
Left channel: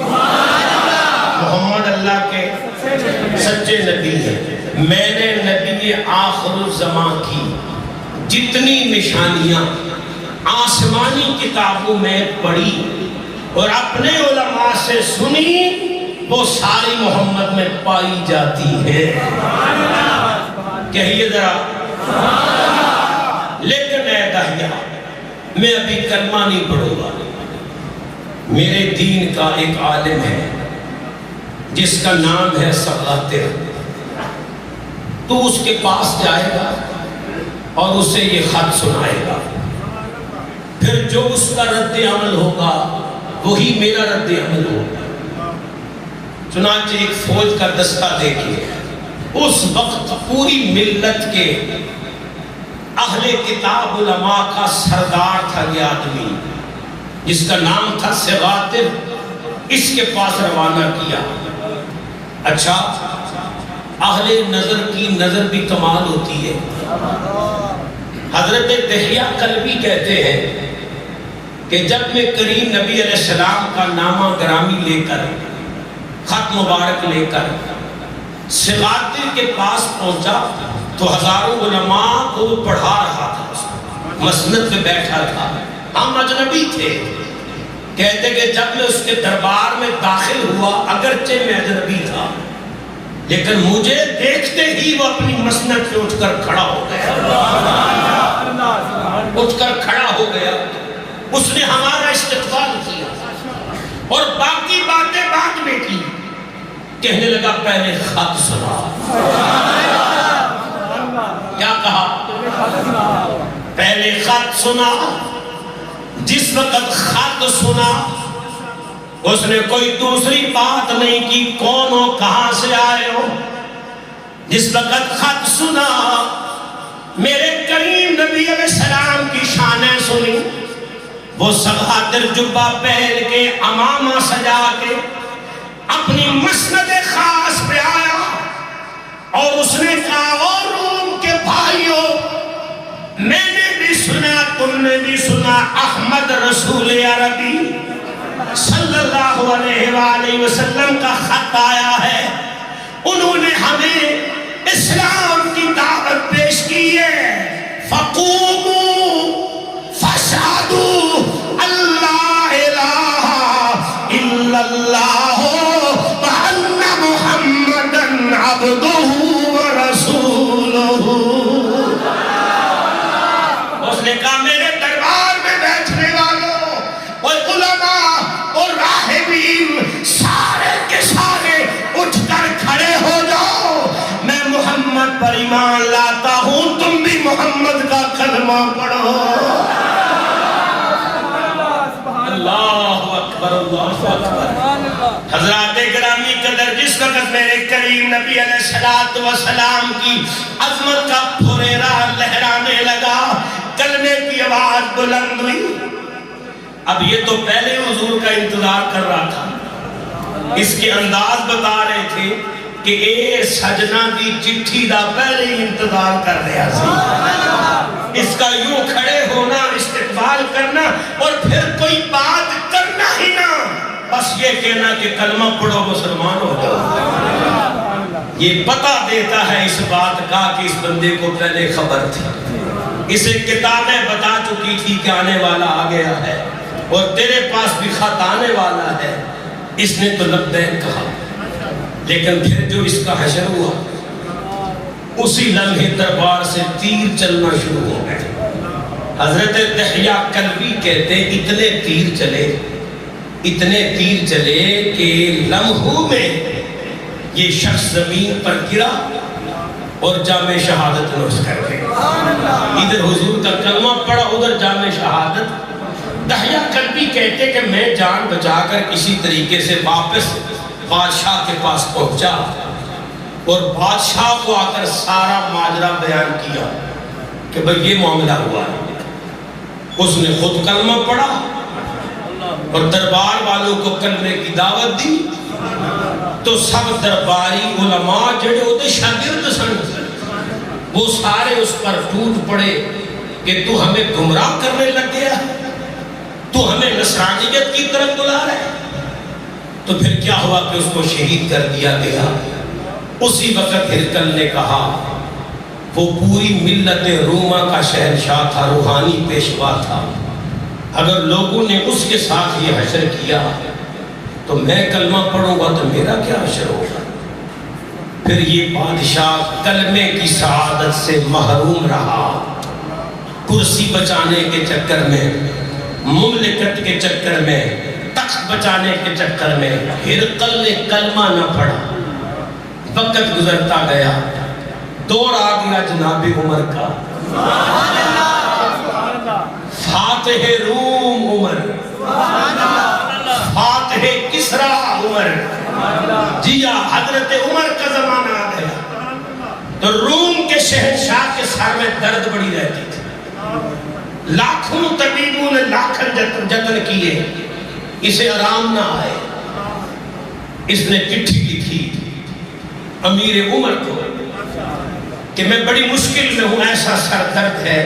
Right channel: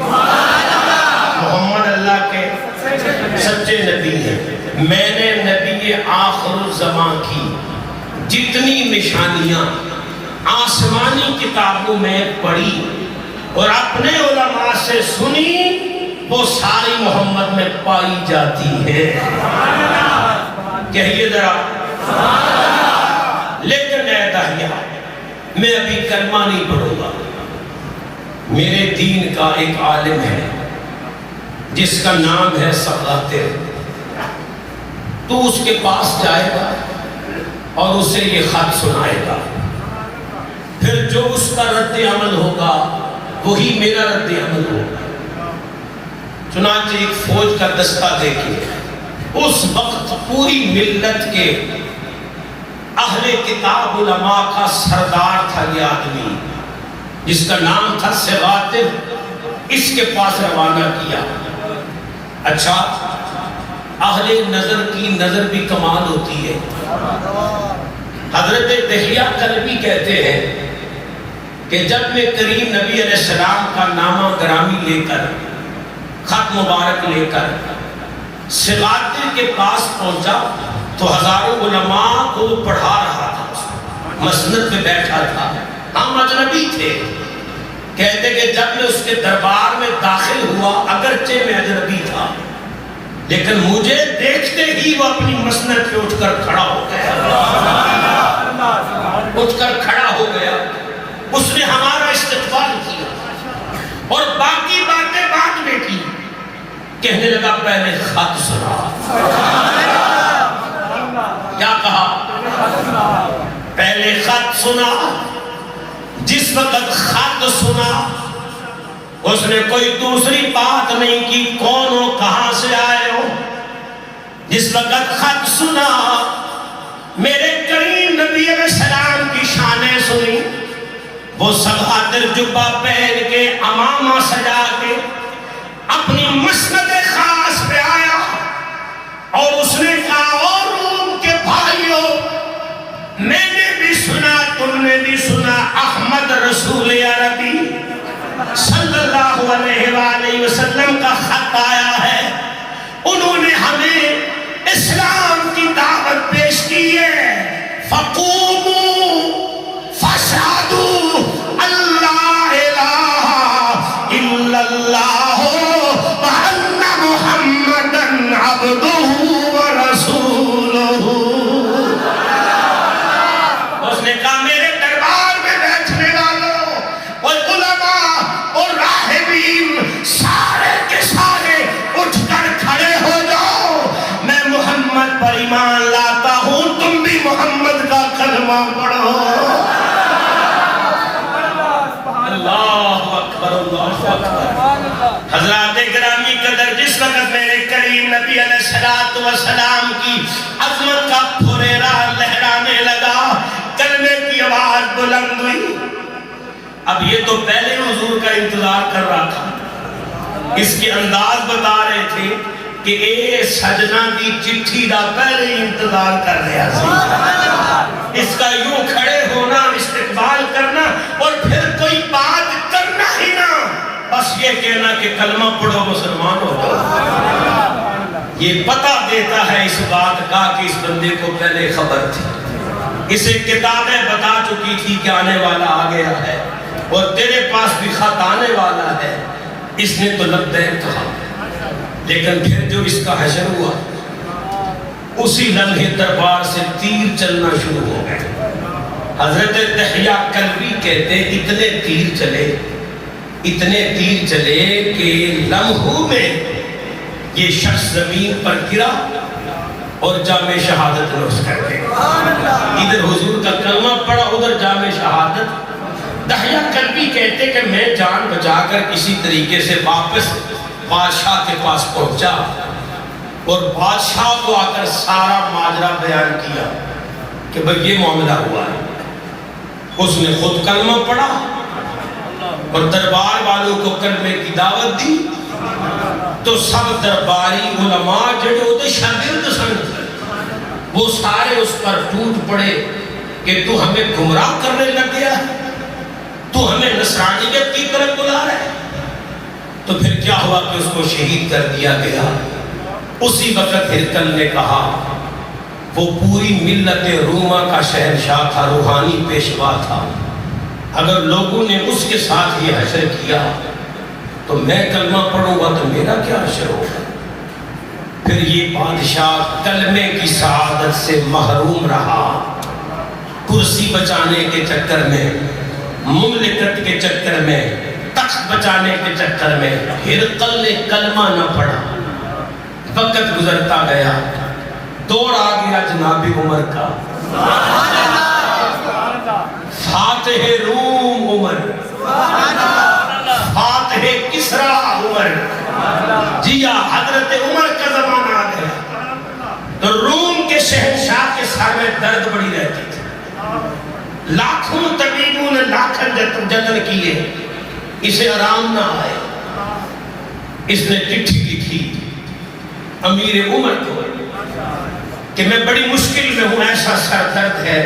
محمد اللہ کے سچے نبی ہیں۔ میں نے نبی آخر الزمان کی جتنی نشانیاں آسمانی کتابوں میں پڑھی اور اپنے علماء سے سنی، وہ ساری محمد میں پائی جاتی ہے۔ کہیے ذرا۔ لیکن اے دہیا، میں ابھی کلمہ نہیں پڑھوں گا۔ میرے دین کا ایک عالم ہے جس کا نام ہے سغاتر، تو اس کے پاس جائے گا اور اسے یہ خط سنائے گا، پھر جو اس کا رد عمل ہوگا وہی میرا رد عمل ہوگا۔ چنانچہ ایک فوج کا دستہ دے کے اس وقت پوری ملت کے اہل کتاب علماء کا سردار تھا یہ آدمی، جس کا نام تھا سغاتر، اس کے پاس روانہ کیا۔ اچھا، اہل نظر کی نظر بھی کمال ہوتی ہے۔ حضرت دحیہ کلبی کہتے ہیں کہ جب میں کریم نبی علیہ السلام کا نامہ گرامی لے کر، خط مبارک لے کر سغاتر کے پاس پہنچا تو ہزاروں علماء کو پڑھا رہا تھا، مسند پہ بیٹھا تھا، ہم اجنبی تھے۔ کہتے کہ جب میں اس کے دربار میں داخل ہوا، اگرچہ میں اجنبی تھا لیکن مجھے دیکھتے ہی وہ اپنی مسند پہ اٹھ کر کھڑا ہو گیا، اٹھ کر کھڑا ہو گیا۔ اس نے ہمارا استقبال کیا اور باقی باتیں بعد میں کی۔ کہنے لگا پہلے خط سنا۔ کیا کہا؟ پہلے خط سنا۔ جس وقت خط سنا اس نے کوئی دوسری بات نہیں کی، کون ہو، کہاں سے آئے ہو۔ جس وقت خط سنا، میرے کریم نبی علیہ السلام کی شانیں سنی۔ وہ سغاتر جبہ پہن کے، امامہ سجا کے اپنی مسند خاص پہ آیا اور اس نے کہا، اور روم کے بھائیوں، میں نے بھی سنا، تم نے بھی سنا، احمد رسول عربی صلی اللہ علیہ وآلہ وسلم کا خط آیا ہے۔ انہوں نے ہمیں اسلام کی دعوت پیش کی ہے۔ فقوموا فاشهدوا اللہ الہ الا اللہ وان محمدا عبدہ ورسولہ۔ اس نے کہا میرے دربار میں بیٹھنے والوں اور علماء اور راہبین سارے کے سارے اٹھ کر کھڑے ہو جاؤ، میں محمد پر ایمان لاتا ہوں، تم بھی محمد کا کلمہ پڑھو۔ اللہ اکبر، اللہ اکبر۔ حضرات گرامی قدر، جس وقت میرے کریم نبی علیہ السلام کی عظمت کا پھریرا لہرانے لگا، کلمے کی آواز بلند ہوئی۔ اب یہ تو پہلے حضور کا انتظار کر رہا تھا، اس کے انداز بتا رہے تھے کہ اے سجنا دی چٹھی دا پہلے ہی انتظار کر رہا تھا۔ اس کا یوں کھڑے ہونا، استقبال کرنا اور پھر کوئی بات کرنا ہی نہ، بس یہ کہنا کہ کلمہ پڑھو مسلمان ہو جاؤ۔ یہ پتہ دیتا ہے اس بات کا کہ اس بندے کو پہلے خبر تھی، اسے کتابیں بتا چکی تھی کہ آنے والا آ گیا ہے اور تیرے پاس بھی خط آنے والا ہے۔ اس نے تو لبیک کہا، لیکن پھر جو اس کا حشر ہوا، اسی لمحے دربار سے تیر چلنا شروع ہو گئے۔ حضرت دحیہ کلبی کہتے اتنے تیر چلے کہ لمحوں میں یہ شخص زمین پر گرا اور جامع شہادت نوش کر گیا۔ ادھر حضور کا کلمہ پڑا، ادھر جامع شہادت۔ دحیہ کلبی کہتے کہ میں جان بچا کر کسی طریقے سے واپس بادشاہ کے پاس پہنچا اور بادشاہ کو آ کر سارا ماجرا بیان کیا کہ بھئی یہ معاملہ ہوا ہے۔ اس نے خود کلمہ پڑھا اور دربار والوں کو کلمے کی دعوت دی، تو سب درباری علماء جڑے ہوتے شاگرد سن، وہ سارے اس پر ٹوٹ پڑے کہ تو ہمیں گمراہ کرنے لگ گیا، تو ہمیں نصرانیت کی طرف بلا رہا ہے۔ تو پھر کیا ہوا کہ اس کو شہید کر دیا گیا۔ اسی وقت ہرقل نے کہا، وہ پوری ملت روما کا شہنشاہ تھا، روحانی پیشوا تھا، اگر لوگوں نے اس کے ساتھ یہ حشر کیا تو میں کلمہ پڑھوں گا تو میرا کیا حشر ہوگا۔ پھر یہ بادشاہ کلمے کی سعادت سے محروم رہا، کرسی بچانے کے چکر میں، مملکت کے چکر میں، تخت بچانے کے چکر میں ہرقل نے کلمہ نہ پڑھا۔ وقت گزرتا گیا، دور آ گیا جناب عمر کا، فاتح روم عمر، فاتح کسرا عمر، جی حضرت عمر کا زمانہ آ گیا۔ تو روم کے شہنشاہ کے سر میں درد بڑی رہتی تھی، لاکھوں طبیبوں نے لاکھوں جتن کیے، اسے آرام نہ آئے۔ اس نے چٹھی لکھی امیر عمر کو کہ میں بڑی مشکل میں ہوں، ایسا سر درد ہے،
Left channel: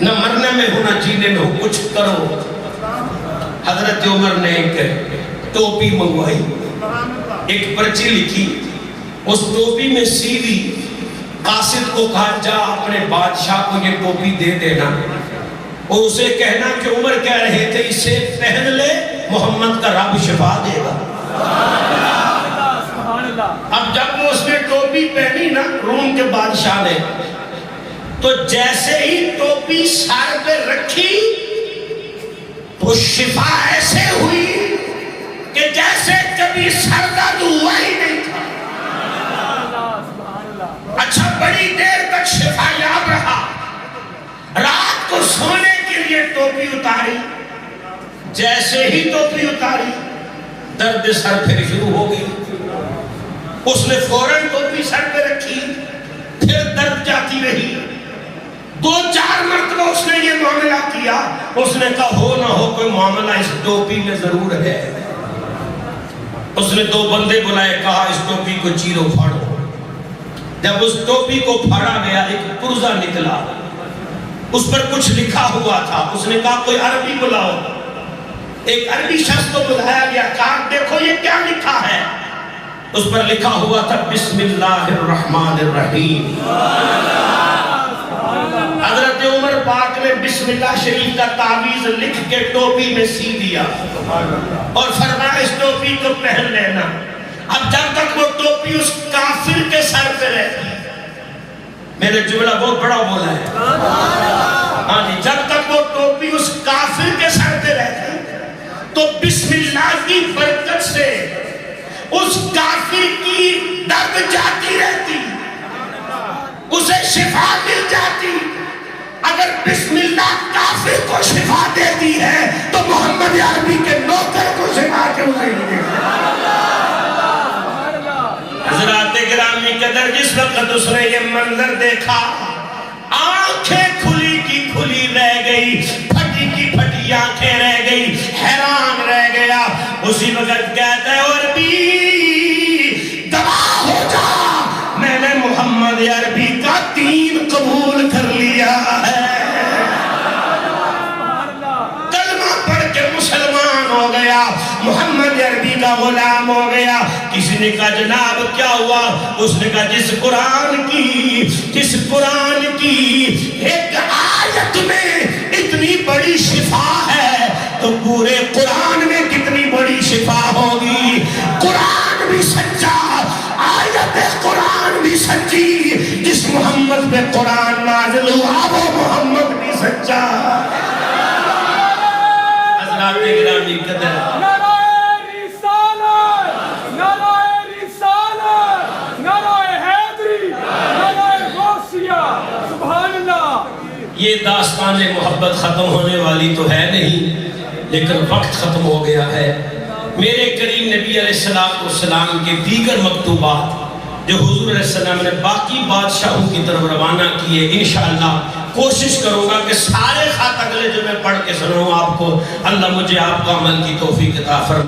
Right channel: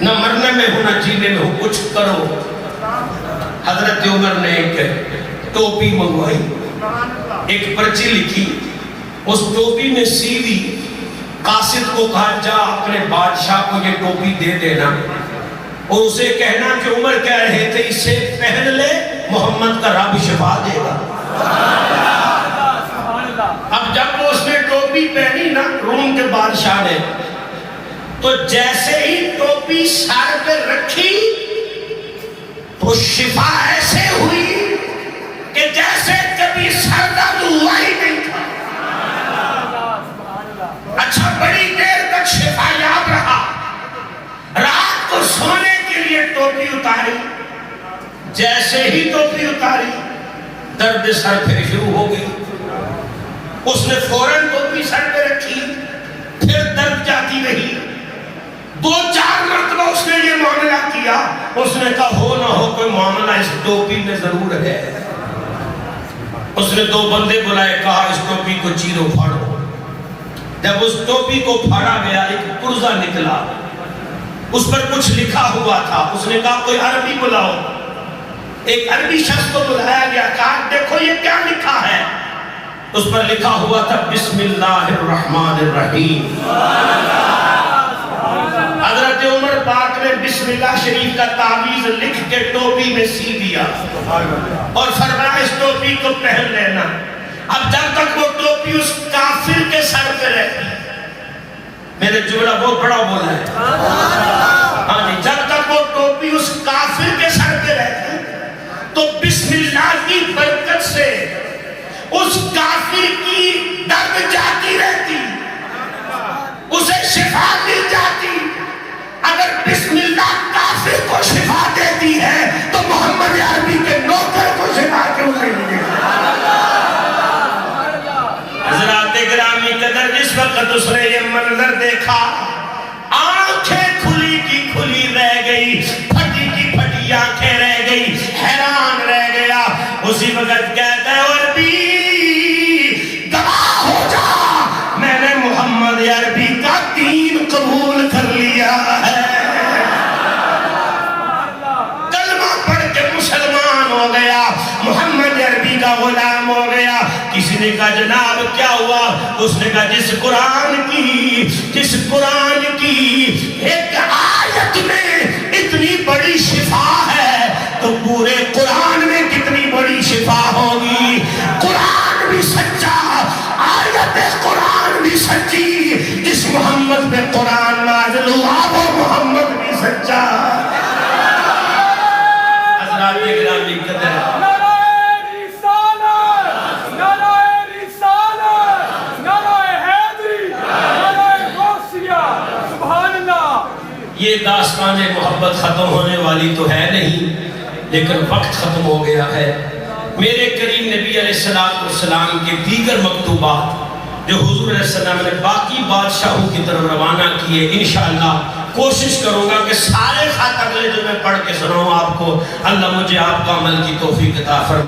نہ مرنے میں ہوں نہ جینے میں ہوں، کچھ کرو۔ حضرت عمر نے ایک ٹوپی منگوائی، ایک پرچی لکھی، اس ٹوپی میں سیدھی، قاصد کو کہا جا اپنے بادشاہ کو یہ ٹوپی دے دینا اور اسے کہنا کہ عمر کہہ رہے تھے اسے پہن لے، محمد کا رب شفا دے گا۔ اب جب وہ اس نے ٹوپی پہنی نا روم کے بادشاہ نے، تو جیسے ہی ٹوپی سر پہ رکھی تو شفا ایسے ہوئی کہ جیسے کبھی سر درد ہوا ہی نہیں تھا۔ اچھا بڑی دیر تک شفا یاب رہا، رات کو سونے کے لیے ٹوپی اتاری، جیسے ہی ٹوپی اتاری درد سر پھر شروع ہو گئی۔ اس نے فوراً ٹوپی سر پہ رکھی، پھر درد جاتی رہی، 2-4 مرتبہ اس نے یہ معاملہ کیا۔ اس نے کہا ہو نہ ہو کوئی معاملہ اس ٹوپی میں ضرور ہے۔ اس نے 2 بندے بلائے، کہا اس ٹوپی کو چیرو پھاڑو۔ جب اس ٹوپی کو پھاڑا گیا ایک پرزہ نکلا، اس پر کچھ لکھا ہوا تھا۔ اس نے کہا کوئی عربی بلاؤ، ایک عربی شخص کو بلایا گیا، کہا دیکھو یہ کیا لکھا ہے۔ اس پر لکھا ہوا تھا بسم اللہ الرحمن الرحیم۔ حضرت عمر پاک نے بسم اللہ شریف کا تعویذ لکھ کے ٹوپی میں سی دیا اور فرمایا اس ٹوپی کو پہن لینا۔ اب جب تک وہ ٹوپی اس کافر کے سر پہ رہتی، میں نے جملہ بہت بڑا بولا ہے، ہاں جی، جب تک وہ ٹوپی اس کافر کے سر پہ رہتی تو بسم اللہ کی برکت سے اس کافر کی درد جاتی رہتی، اسے شفا مل جاتی۔ اگر بسم اللہ کافر کو شفا دیتی ہے تو محمد عربی کے نوکر کو شفا کیوں نہیں ملے؟ حضرات گرامی قدر، جس وقت اس نے یہ منظر دیکھا، آنکھیں کھلی کی کھلی رہ گئی، پھٹی کی پھٹی آنکھیں رہ گئی، حیران رہ گیا۔ اسی وقت کہتا ہے عربی گواہ ہو جا، میں نے محمد عربی کا دین قبول کر لیا ہے، کلمہ پڑھ کے مسلمان ہو گیا، محمد عربی کا غلام ہو گیا۔ کسی نے کہا جناب کیا ہوا؟ اس نے کہا جس قرآن کی ایک آیت میں اتنی بڑی شفا ہے تو پورے قرآن میں کتنی بڑی شفا ہوگی۔ قرآن بھی سچا، آیت قرآن بھی سچی، جس محمد پہ قرآن نازل ہوا وہ محمد بھی سچا۔ حضرات گرامی قدر، یہ داستان محبت ختم ہونے والی تو ہے نہیں، لیکن وقت ختم ہو گیا ہے۔ میرے کریم نبی علیہ السلام کے دیگر مکتوبات جو حضور علیہ السلام نے باقی بادشاہوں کی طرف روانہ کیے، انشاءاللہ کوشش کروں گا کہ سارے خط اگلے جو میں پڑھ کے سناؤں آپ کو۔ اللہ مجھے آپ کا عمل کی توفیق عطا فرمائے۔